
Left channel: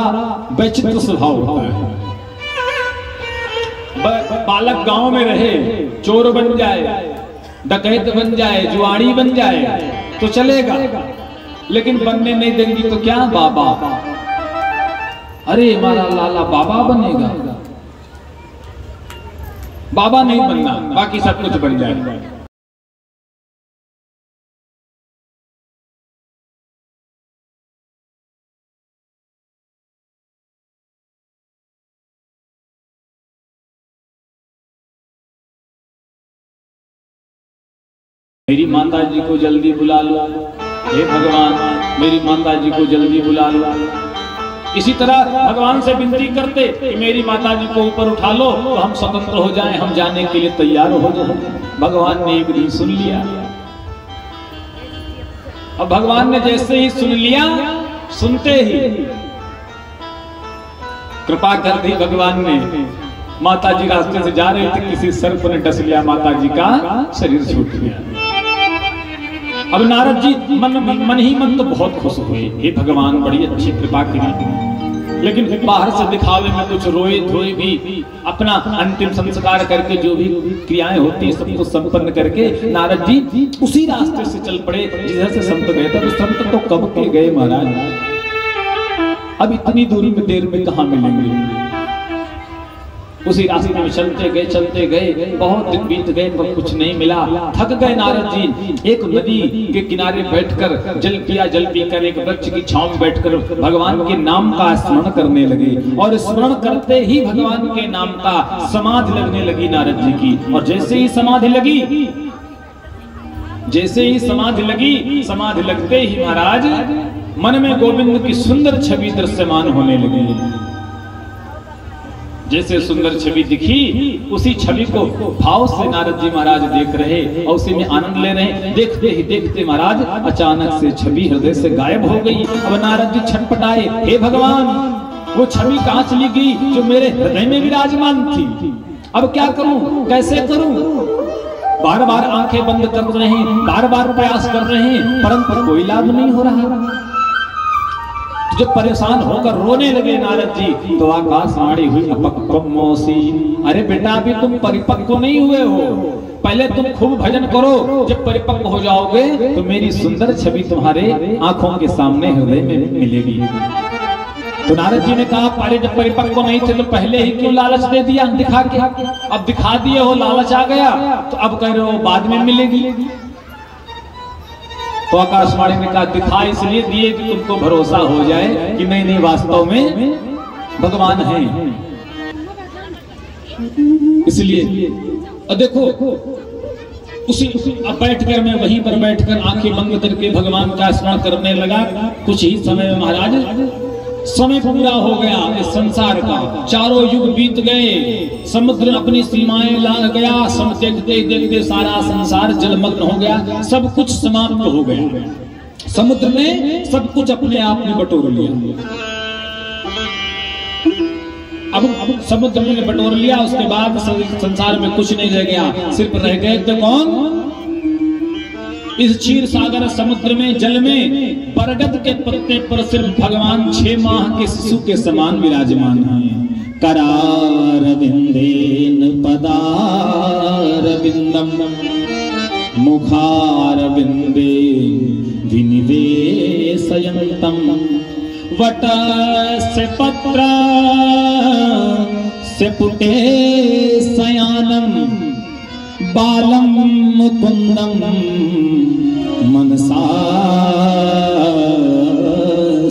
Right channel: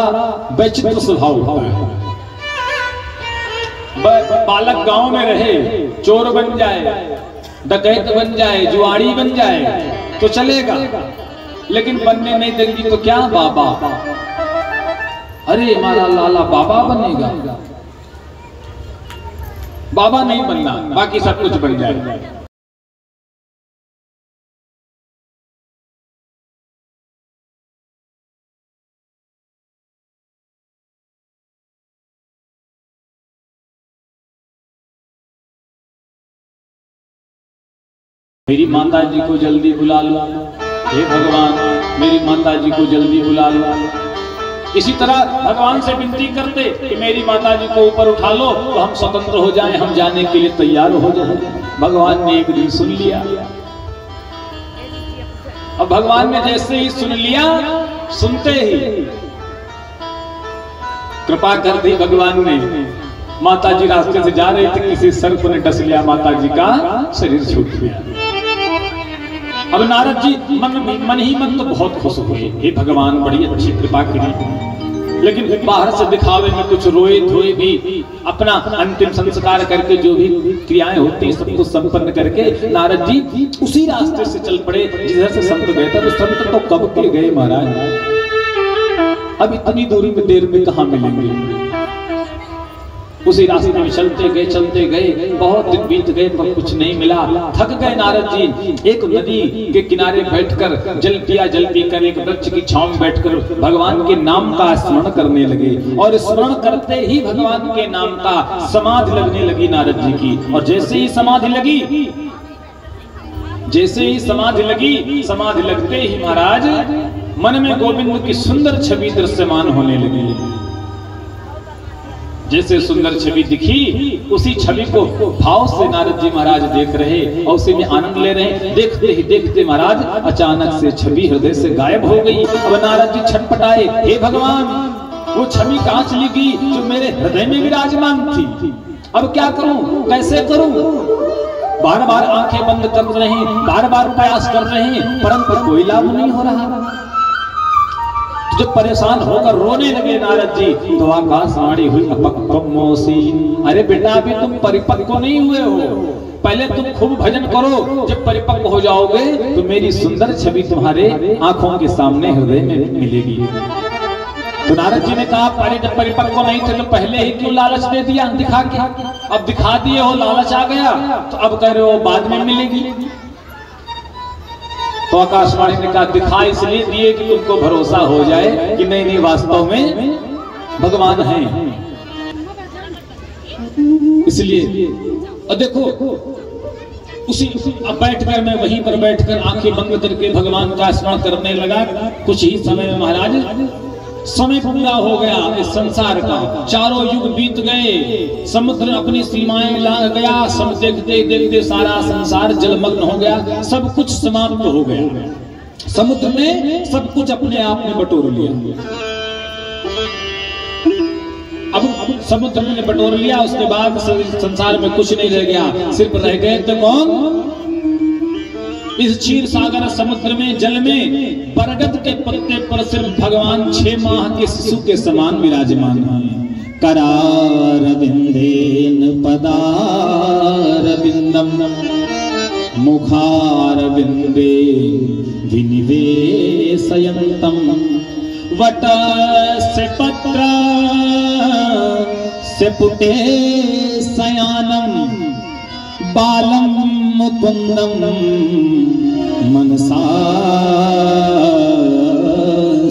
विचित्र स्वभाव होता है। बालक गांव में रहे, चोर बन जाए, डकैत बन जाए, जुआड़ी बन जाए तो चलेगा, लेकिन बनने नहीं देंगी तो क्या बाबा, अरे हमारा लाला बाबा बनेगा। बाबा नहीं बनना, बाकी सब कुछ बन जाएगा। मेरी माता जी को जल्दी बुला लो, हे भगवान मेरी माता जी को जल्दी बुला लो। इसी तरह भगवान से विनती करते कि मेरी माता जी को ऊपर उठा लो तो हम स्वतंत्र हो जाएं, हम जाने के लिए तैयार हो जाएं। भगवान ने एक दिन सुन लिया। अब भगवान ने जैसे ही सुन लिया, सुनते ही कृपा कर दी भगवान ने। माता जी रास्ते से जा रहे थे, किसी सर्प ने डस लिया, माता जी का शरीर छूट गया। अब नारद जी मन ही मन तो बहुत खुश हुए, हे भगवान बड़ी अच्छी कृपा की। लेकिन बाहर से दिखावे में कुछ रोए धोए भी, अपना अंतिम संस्कार करके जो भी क्रियाएं होती सबको संपन्न करके नारद जी उसी रास्ते से चल पड़े जिधर से संत गए थे। तो संत तो कब के गए महाराज, अब इतनी दूरी में देर में कहाँ मिलेंगे। उसी रास्ते में चलते गए, बहुत दिन बीत गए पर कुछ नहीं मिला। थक गए नारद जी। एक नदी के किनारे बैठकर जल पीकर एक वृक्ष की छांव में बैठकर भगवान के नाम का स्मरण करने लगे। और स्मरण करते ही भगवान के नाम का समाधि लगने लगी नारद जी की। और जैसे ही समाधि लगी, समाधि लगते ही महाराज मन में गोविंद की सुंदर छवि दृश्यमान होने लगी। जैसे सुंदर छवि दिखी, उसी छवि को भाव से नारद जी महाराज देख रहे और उसी में आनंद ले रहे। देखते ही देखते महाराज अचानक से छवि हृदय से गायब हो गई। अब नारद जी छटपटाए, हे भगवान वो छवि कहाँ चली गई जो मेरे हृदय में विराजमान थी। अब क्या करूं, कैसे करूं। बार बार आंखें बंद कर रहे हैं, बार बार प्रयास कर रहे हैं, परंतु कोई लाभ नहीं हो रहा। जब परेशान होकर रोने लगे नारद जी तो आकाशवाणी हुई, अपक्वमोसी, अरे बेटा अभी तुम परिपक्व नहीं हुए हो, पहले तुम खूब भजन करो, जब परिपक्व हो जाओगे तो मेरी सुंदर छवि तुम्हारे आंखों के सामने हृदय में मिलेगी। तो नारद जी ने कहा पहले जब परिपक्व नहीं थे तो पहले ही क्यों लालच दे दिया दिखा के। अब दिखा दिए हो, लालच आ गया तो अब कह रहे हो बाद में मिलेगी। तो आकाशवाणी ने कहा दिखा इसलिए दिए कि तुमको भरोसा हो जाए कि नहीं वास्तव में भगवान हैं। इसलिए देखो उसी अब बैठकर मैं वहीं पर बैठकर आंखें बंद करके भगवान का स्मरण करने लगा। कुछ ही समय में महाराज समय पूरा हो गया इस संसार का, चारों युग बीत गए, समुद्र अपनी सीमाएं ला गया, सब देखते देखते सारा संसार जलमग्न हो गया, सब कुछ समाप्त हो गया, समुद्र ने सब कुछ अपने आप में बटोर लिया। अब समुद्र ने बटोर लिया, उसके बाद संसार में कुछ नहीं रह गया, सिर्फ रह गए तो कौन? इस क्षीर सागर समुद्र में, जल में बरगद के पत्ते पर सिर्फ भगवान 6 माह के शिशु के समान विराजमान हैं। करारविंदेन पदारविंदम मुखारविंदे विनिवेशयन्तम वटस्य पत्र से पुटे शयानम बालम मुकुंदम मनसा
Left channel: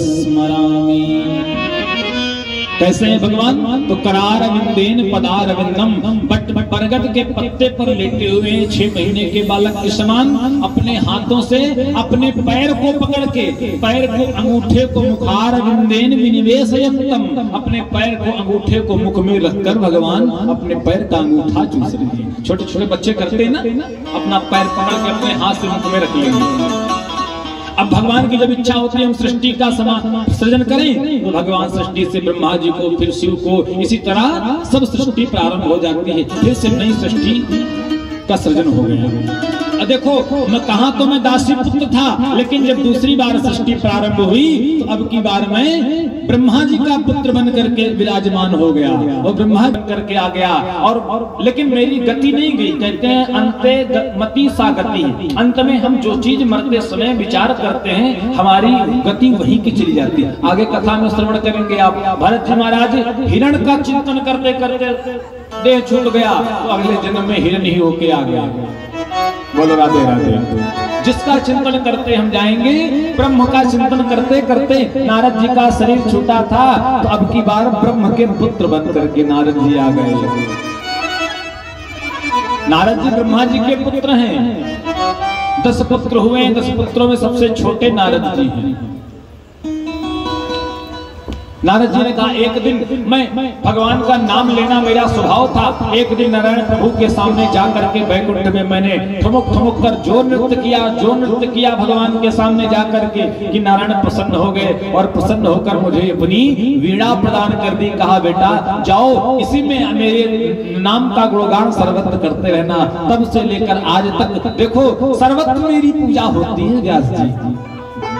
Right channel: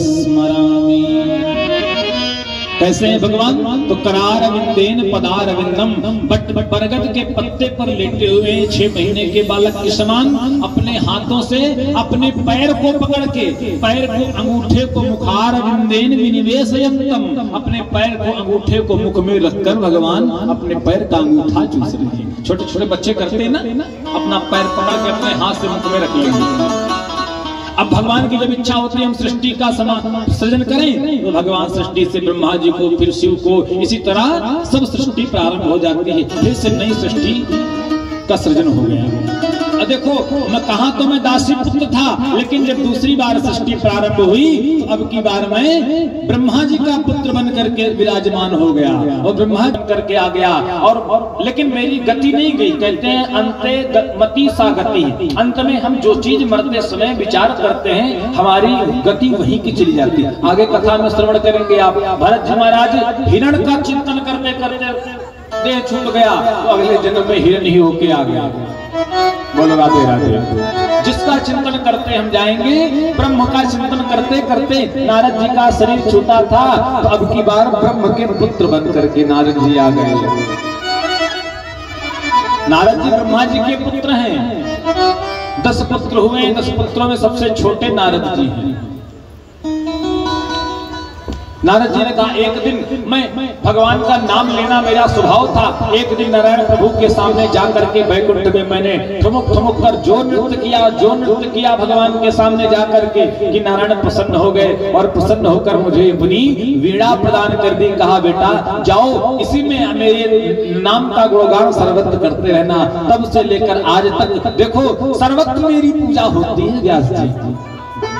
स्मरामि। कैसे हैं भगवान? तो करारविंदेन पदारविंदम, बरगद के पत्ते पर लेटे हुए 6 महीने के बालक के समान अपने हाथों से अपने पैर को पकड़ के, पैर को अंगूठे को मुखारविंदेन विनिवेशयन्तम, अपने पैर को अंगूठे को मुख में रखकर भगवान अपने पैर का अंगूठा चूस रहे हैं। छोटे छोटे बच्चे करते हैं ना, अपना पैर पकड़ के अपने हाथ से मुख में रख लेंगे। अब भगवान की जब इच्छा होती है हम सृष्टि का सृजन करें, तो भगवान सृष्टि से ब्रह्मा जी को, फिर शिव को, इसी तरह सब सृष्टि प्रारंभ हो जाती है, फिर से नई सृष्टि का सृजन हो गया। देखो मैं कहा तो मैं दासी पुत्र था, लेकिन जब दूसरी बार सृष्टि प्रारंभ हुई तो अब की बार मैं ब्रह्मा जी का पुत्र बन करके विराजमान हो गया और ब्रह्मा बन करके आ गया। और लेकिन मेरी गति नहीं गई, कहते हैं अंते मति सा गति, अंत में हम जो चीज मरते समय विचार करते हैं हमारी गति वहीं की चली जाती है। आगे कथा में श्रवण करेंगे आप, भरत जी महाराज हिरण का चिंतन करते करते देह छूट गया, तो अगले जन्म में हिरण ही होके आ गया। बोलो राधे राधे। जिसका चिंतन करते हम जाएंगे, ब्रह्म का चिंतन करते करते नारद जी का शरीर छूटा था, तो अब की बार ब्रह्म के पुत्र बन करके नारद जी आ गए। नारद जी ब्रह्मा जी के पुत्र हैं, 10 पुत्र हुए, 10 पुत्रों में सबसे छोटे नारद जी हैं। नारद जी ने कहा एक दिन मैं भगवान का नाम लेना मेरा स्वभाव था, एक दिन नारायण प्रभु के सामने जाकर के बैकुंठ में मैंने ठुमुक ठुमुक कर जो नृत्य किया भगवान के सामने जाकर के कि नारायण प्रसन्न हो गए और प्रसन्न होकर मुझे अपनी वीणा प्रदान कर दी। कहा बेटा जाओ इसी में मेरे नाम का गुणगान सर्वत्र करते रहना। तब से लेकर आज तक देखो सर्वत्र मेरी पूजा होती है व्यास जी।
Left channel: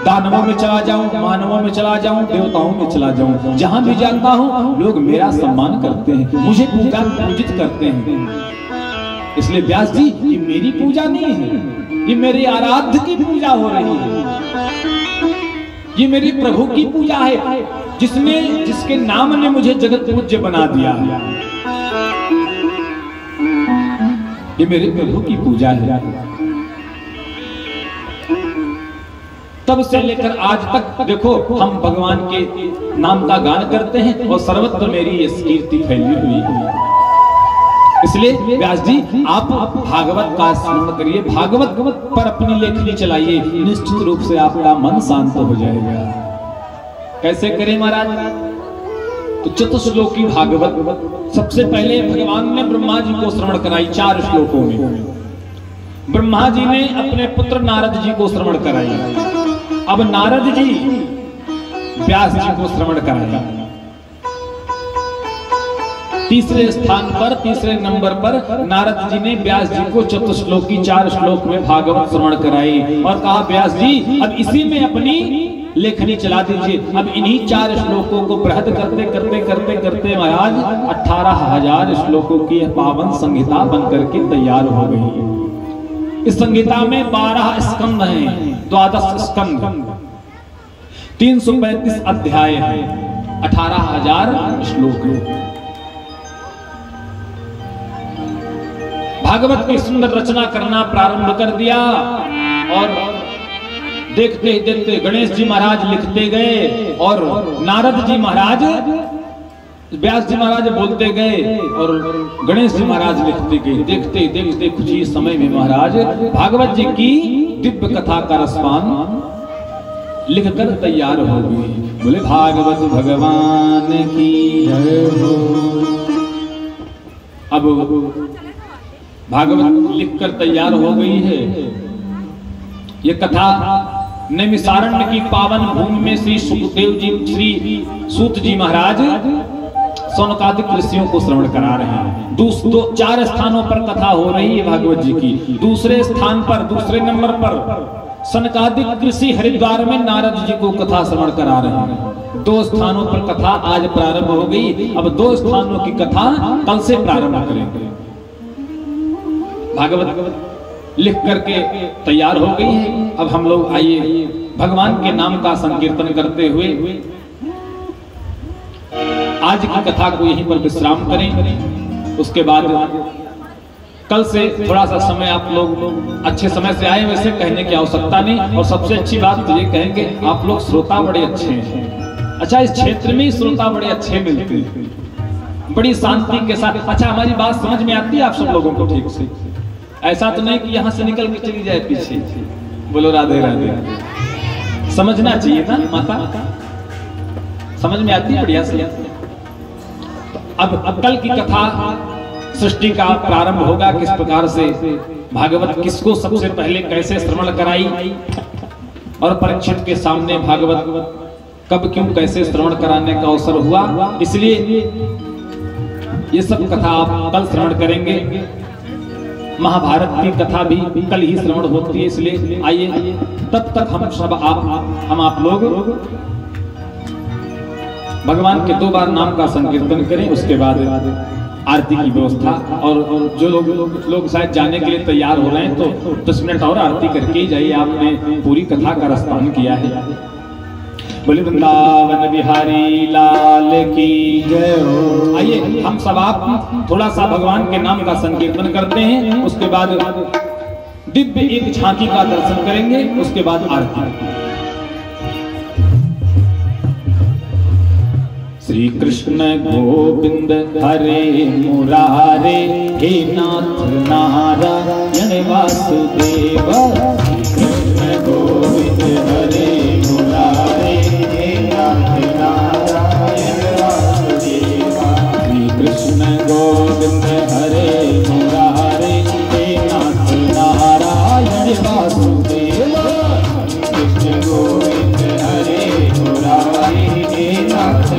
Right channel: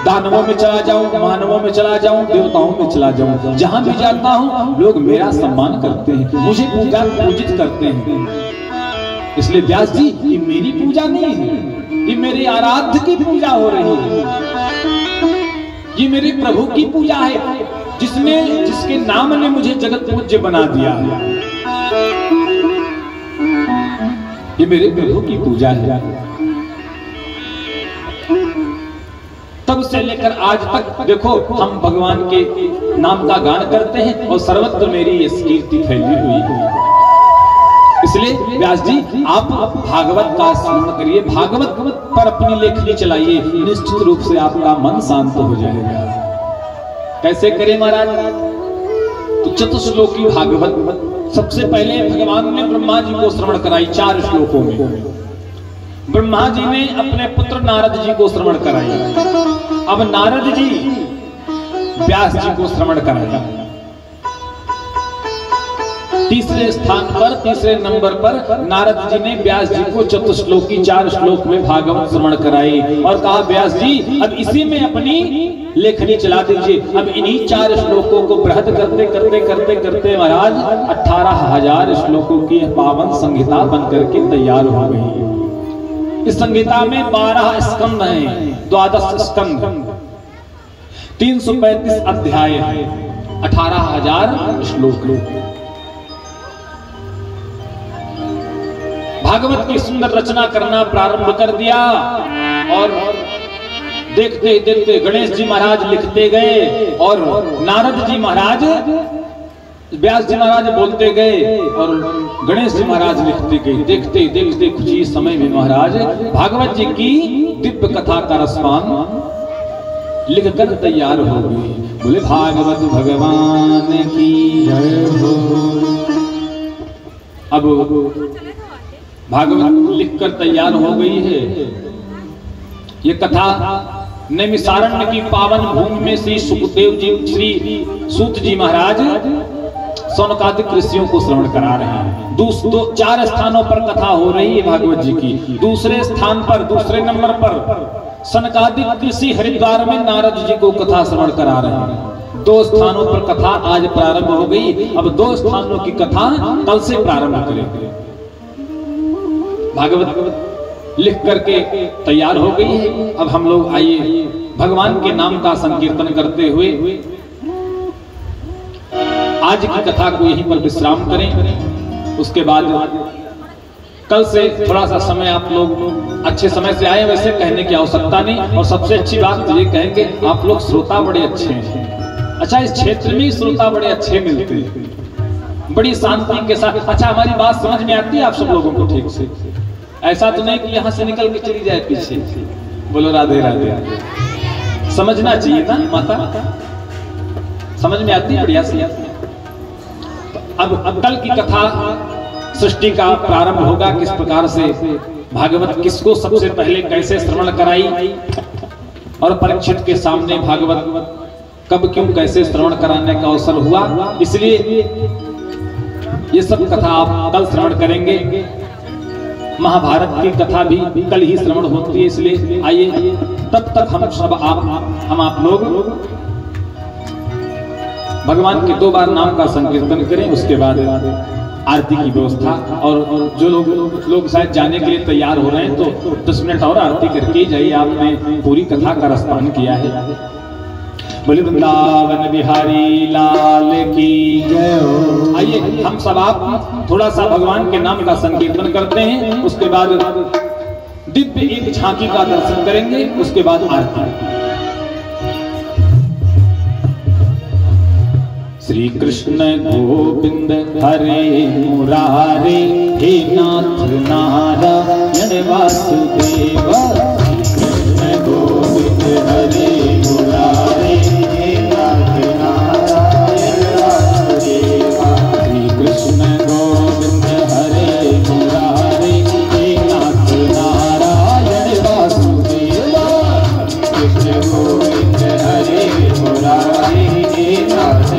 दानवों में चला जाऊं, मानवों में चला जाऊं, देवताओं में चला जाऊं, जहां भी जाता हूं लोग मेरा सम्मान करते हैं, मुझे पूजित करते हैं। इसलिए व्यास जी ये मेरी पूजा नहीं है, ये मेरे आराध्य की पूजा हो रही है, ये मेरे प्रभु की पूजा है जिसके नाम ने मुझे जगत पूज्य बना दिया। ये मेरे प्रभु की पूजा है। तब से लेकर आज तक देखो हम भगवान के नाम का गान करते हैं और सर्वत्र मेरी ये कीर्ति फैली हुई है। इसलिए व्यास जी आप भागवत का स्मरण करिए, भागवत पर अपनी लेखनी चलाइए, निश्चित रूप से आपका मन शांत हो जाएगा। कैसे करें महाराज? तो चतुश्लोकी भागवत सबसे पहले भगवान ने ब्रह्मा जी को श्रवण कराई 4 श्लोकों में। ब्रह्मा जी ने अपने पुत्र नारद जी को श्रवण कराई, अब नारद जी व्यास जी को श्रवण कराया। तीसरे स्थान पर, तीसरे नंबर पर नारद जी ने व्यास जी को चतुश्लोकी 4 श्लोक में भागवत श्रवण कराई और कहा व्यास जी अब इसी में अपनी लेखनी चला दीजिए। अब इन्हीं 4 श्लोकों को बृहद करते करते करते करते महाराज 18,000 श्लोकों की पावन संहिता बनकर के तैयार हो गई। इस संहिता में 12 स्कंद हैं, 12 स्कंद, 335 अध्याय हैं, 18,000 श्लोक। भागवत की सुंदर रचना करना प्रारंभ कर दिया और देखते देखते गणेश जी महाराज लिखते गए और नारद जी महाराज, व्यास जी महाराज बोलते गए और गणेश जी महाराज लिखते गए। देखते देखते कुछ ही समय में महाराज भागवत जी की दिव्य कथा का रसपान लिख कर तैयार होगी। बोले भागवत भगवान की जय हो। अब भागवत लिखकर तैयार हो गई है। ये कथा नैमिषारण्य की पावन भूमि में श्री सुखदेव जी, श्री सूत जी महाराज सौनकादिक ऋषियों को श्रवण करा रहे हैं। 4 स्थानों पर कथा हो रही है भागवत जी की। दूसरे स्थान पर, दूसरे नंबर पर सनकादिक ऋषि हरिद्वार में नारद जी को कथा श्रवण करा रहे हैं। 2 स्थानों पर कथा आज प्रारंभ हो गई। अब 2 स्थानों की कथा कल से प्रारंभ करेंगे। भागवत लिख करके तैयार हो गई है। अब हम लोग आइए भगवान के नाम का संकीर्तन करते हुए आज की कथा को यहीं पर विश्राम करें। उसके बाद कल से थोड़ा सा समय आप लोग अच्छे समय से आए, वैसे कहने की आवश्यकता नहीं। और सबसे अच्छी बात तो ये कहेंगे आप लोग श्रोता बड़े अच्छे हैं। अच्छा, इस क्षेत्र में श्रोता बड़े अच्छे मिलते हैं, बड़ी शांति के साथ। अच्छा, हमारी बात समझ में आती है आप सब लोगों को ठीक से? ऐसा तो नहीं कि यहाँ से निकल के चली जाए पीछे। बोलो राधे राधे। समझना चाहिए ना माता, समझ में आती है बढ़िया से। अब कल की कथा सृष्टि का प्रारंभ होगा। किस प्रकार से भागवत किसको सबसे पहले कैसे श्रवण कराई और परीक्षित के सामने भागवत कब क्यों कैसे श्रवण कराने का अवसर हुआ, इसलिए ये सब कथा आप कल श्रवण करेंगे। महाभारत की कथा भी कल ही श्रवण होती है, इसलिए आइए तब तक हम आप लोग भगवान के 2 बार नाम का संकीर्तन करें। उसके बाद आरती की व्यवस्था, और जो लोग शायद जाने के लिए तैयार हो रहे हैं तो 10 मिनट और आरती करके ही जाइए। आपने पूरी कथा का रसपान किया है। बोले वृंदावन बिहारी लाल की जय हो। आइए हम सब आप थोड़ा सा भगवान के नाम का संकीर्तन करते हैं। उसके बाद दिव्य एक झांकी का दर्शन करेंगे। उसके बाद आरती। श्री कृष्ण गोविंद हरे मुरारे, हे नाथ नारायण वासुदेव। कृष्ण गोविंद हरे मुरारे, हे नाथ नारायण वासुदेव। श्री कृष्ण गोविंद हरे मुरारे, हे नाथ नारायण वासुदेव। कृष्ण गोविंद हरे मुरारे, हे नाथ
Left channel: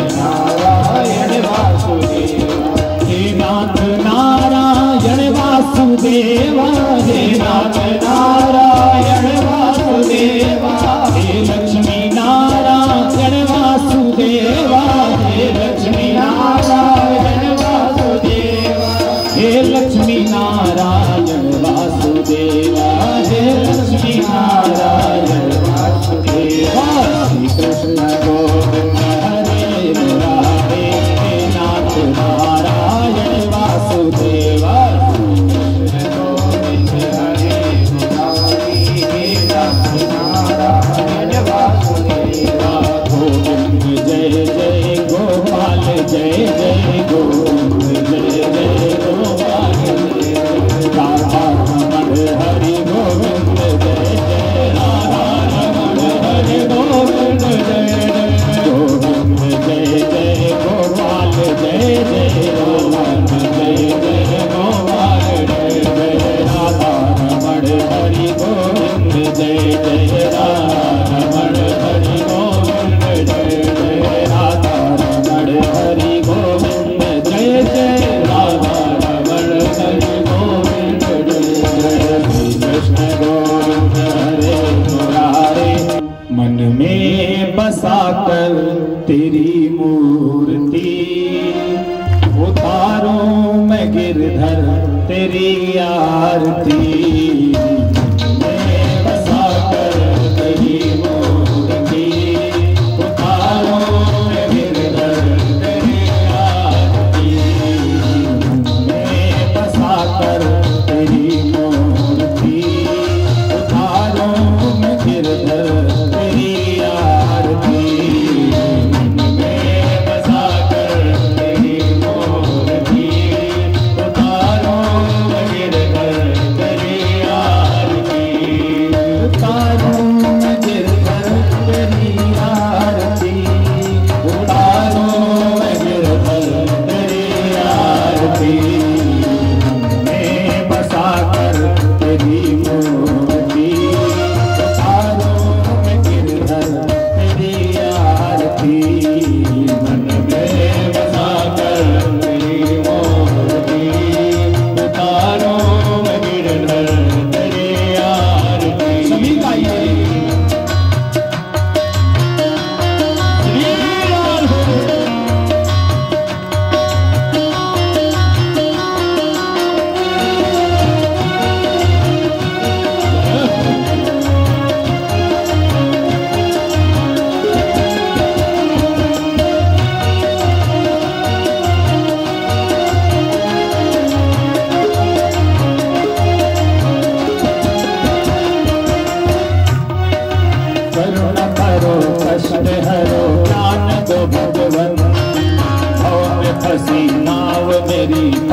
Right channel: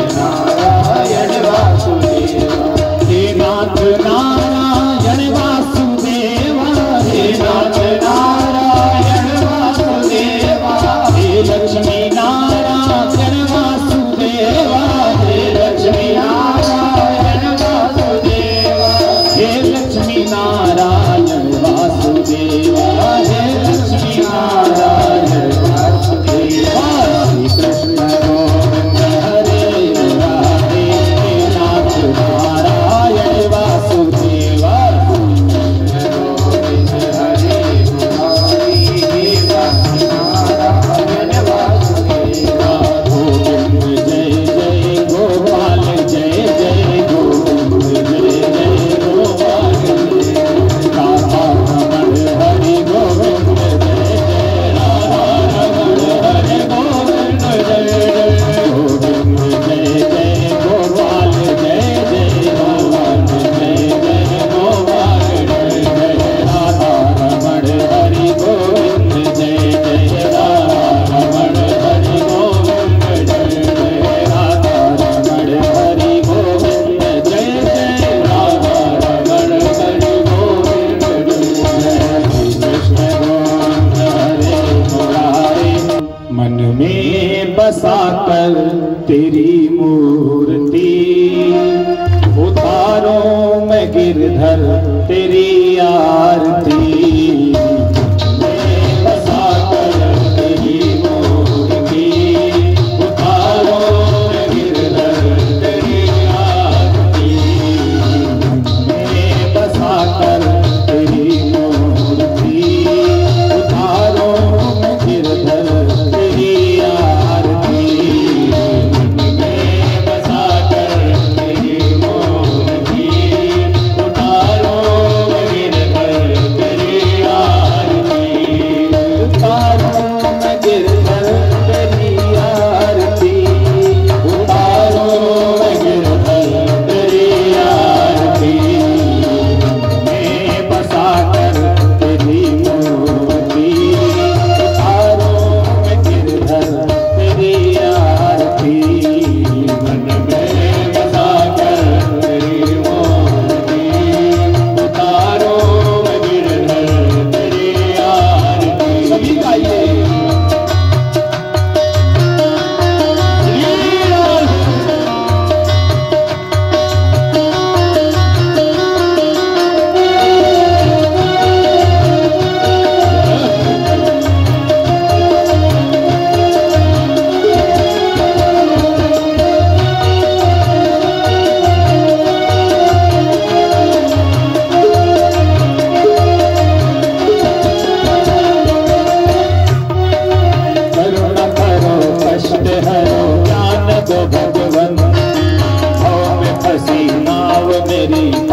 मेरी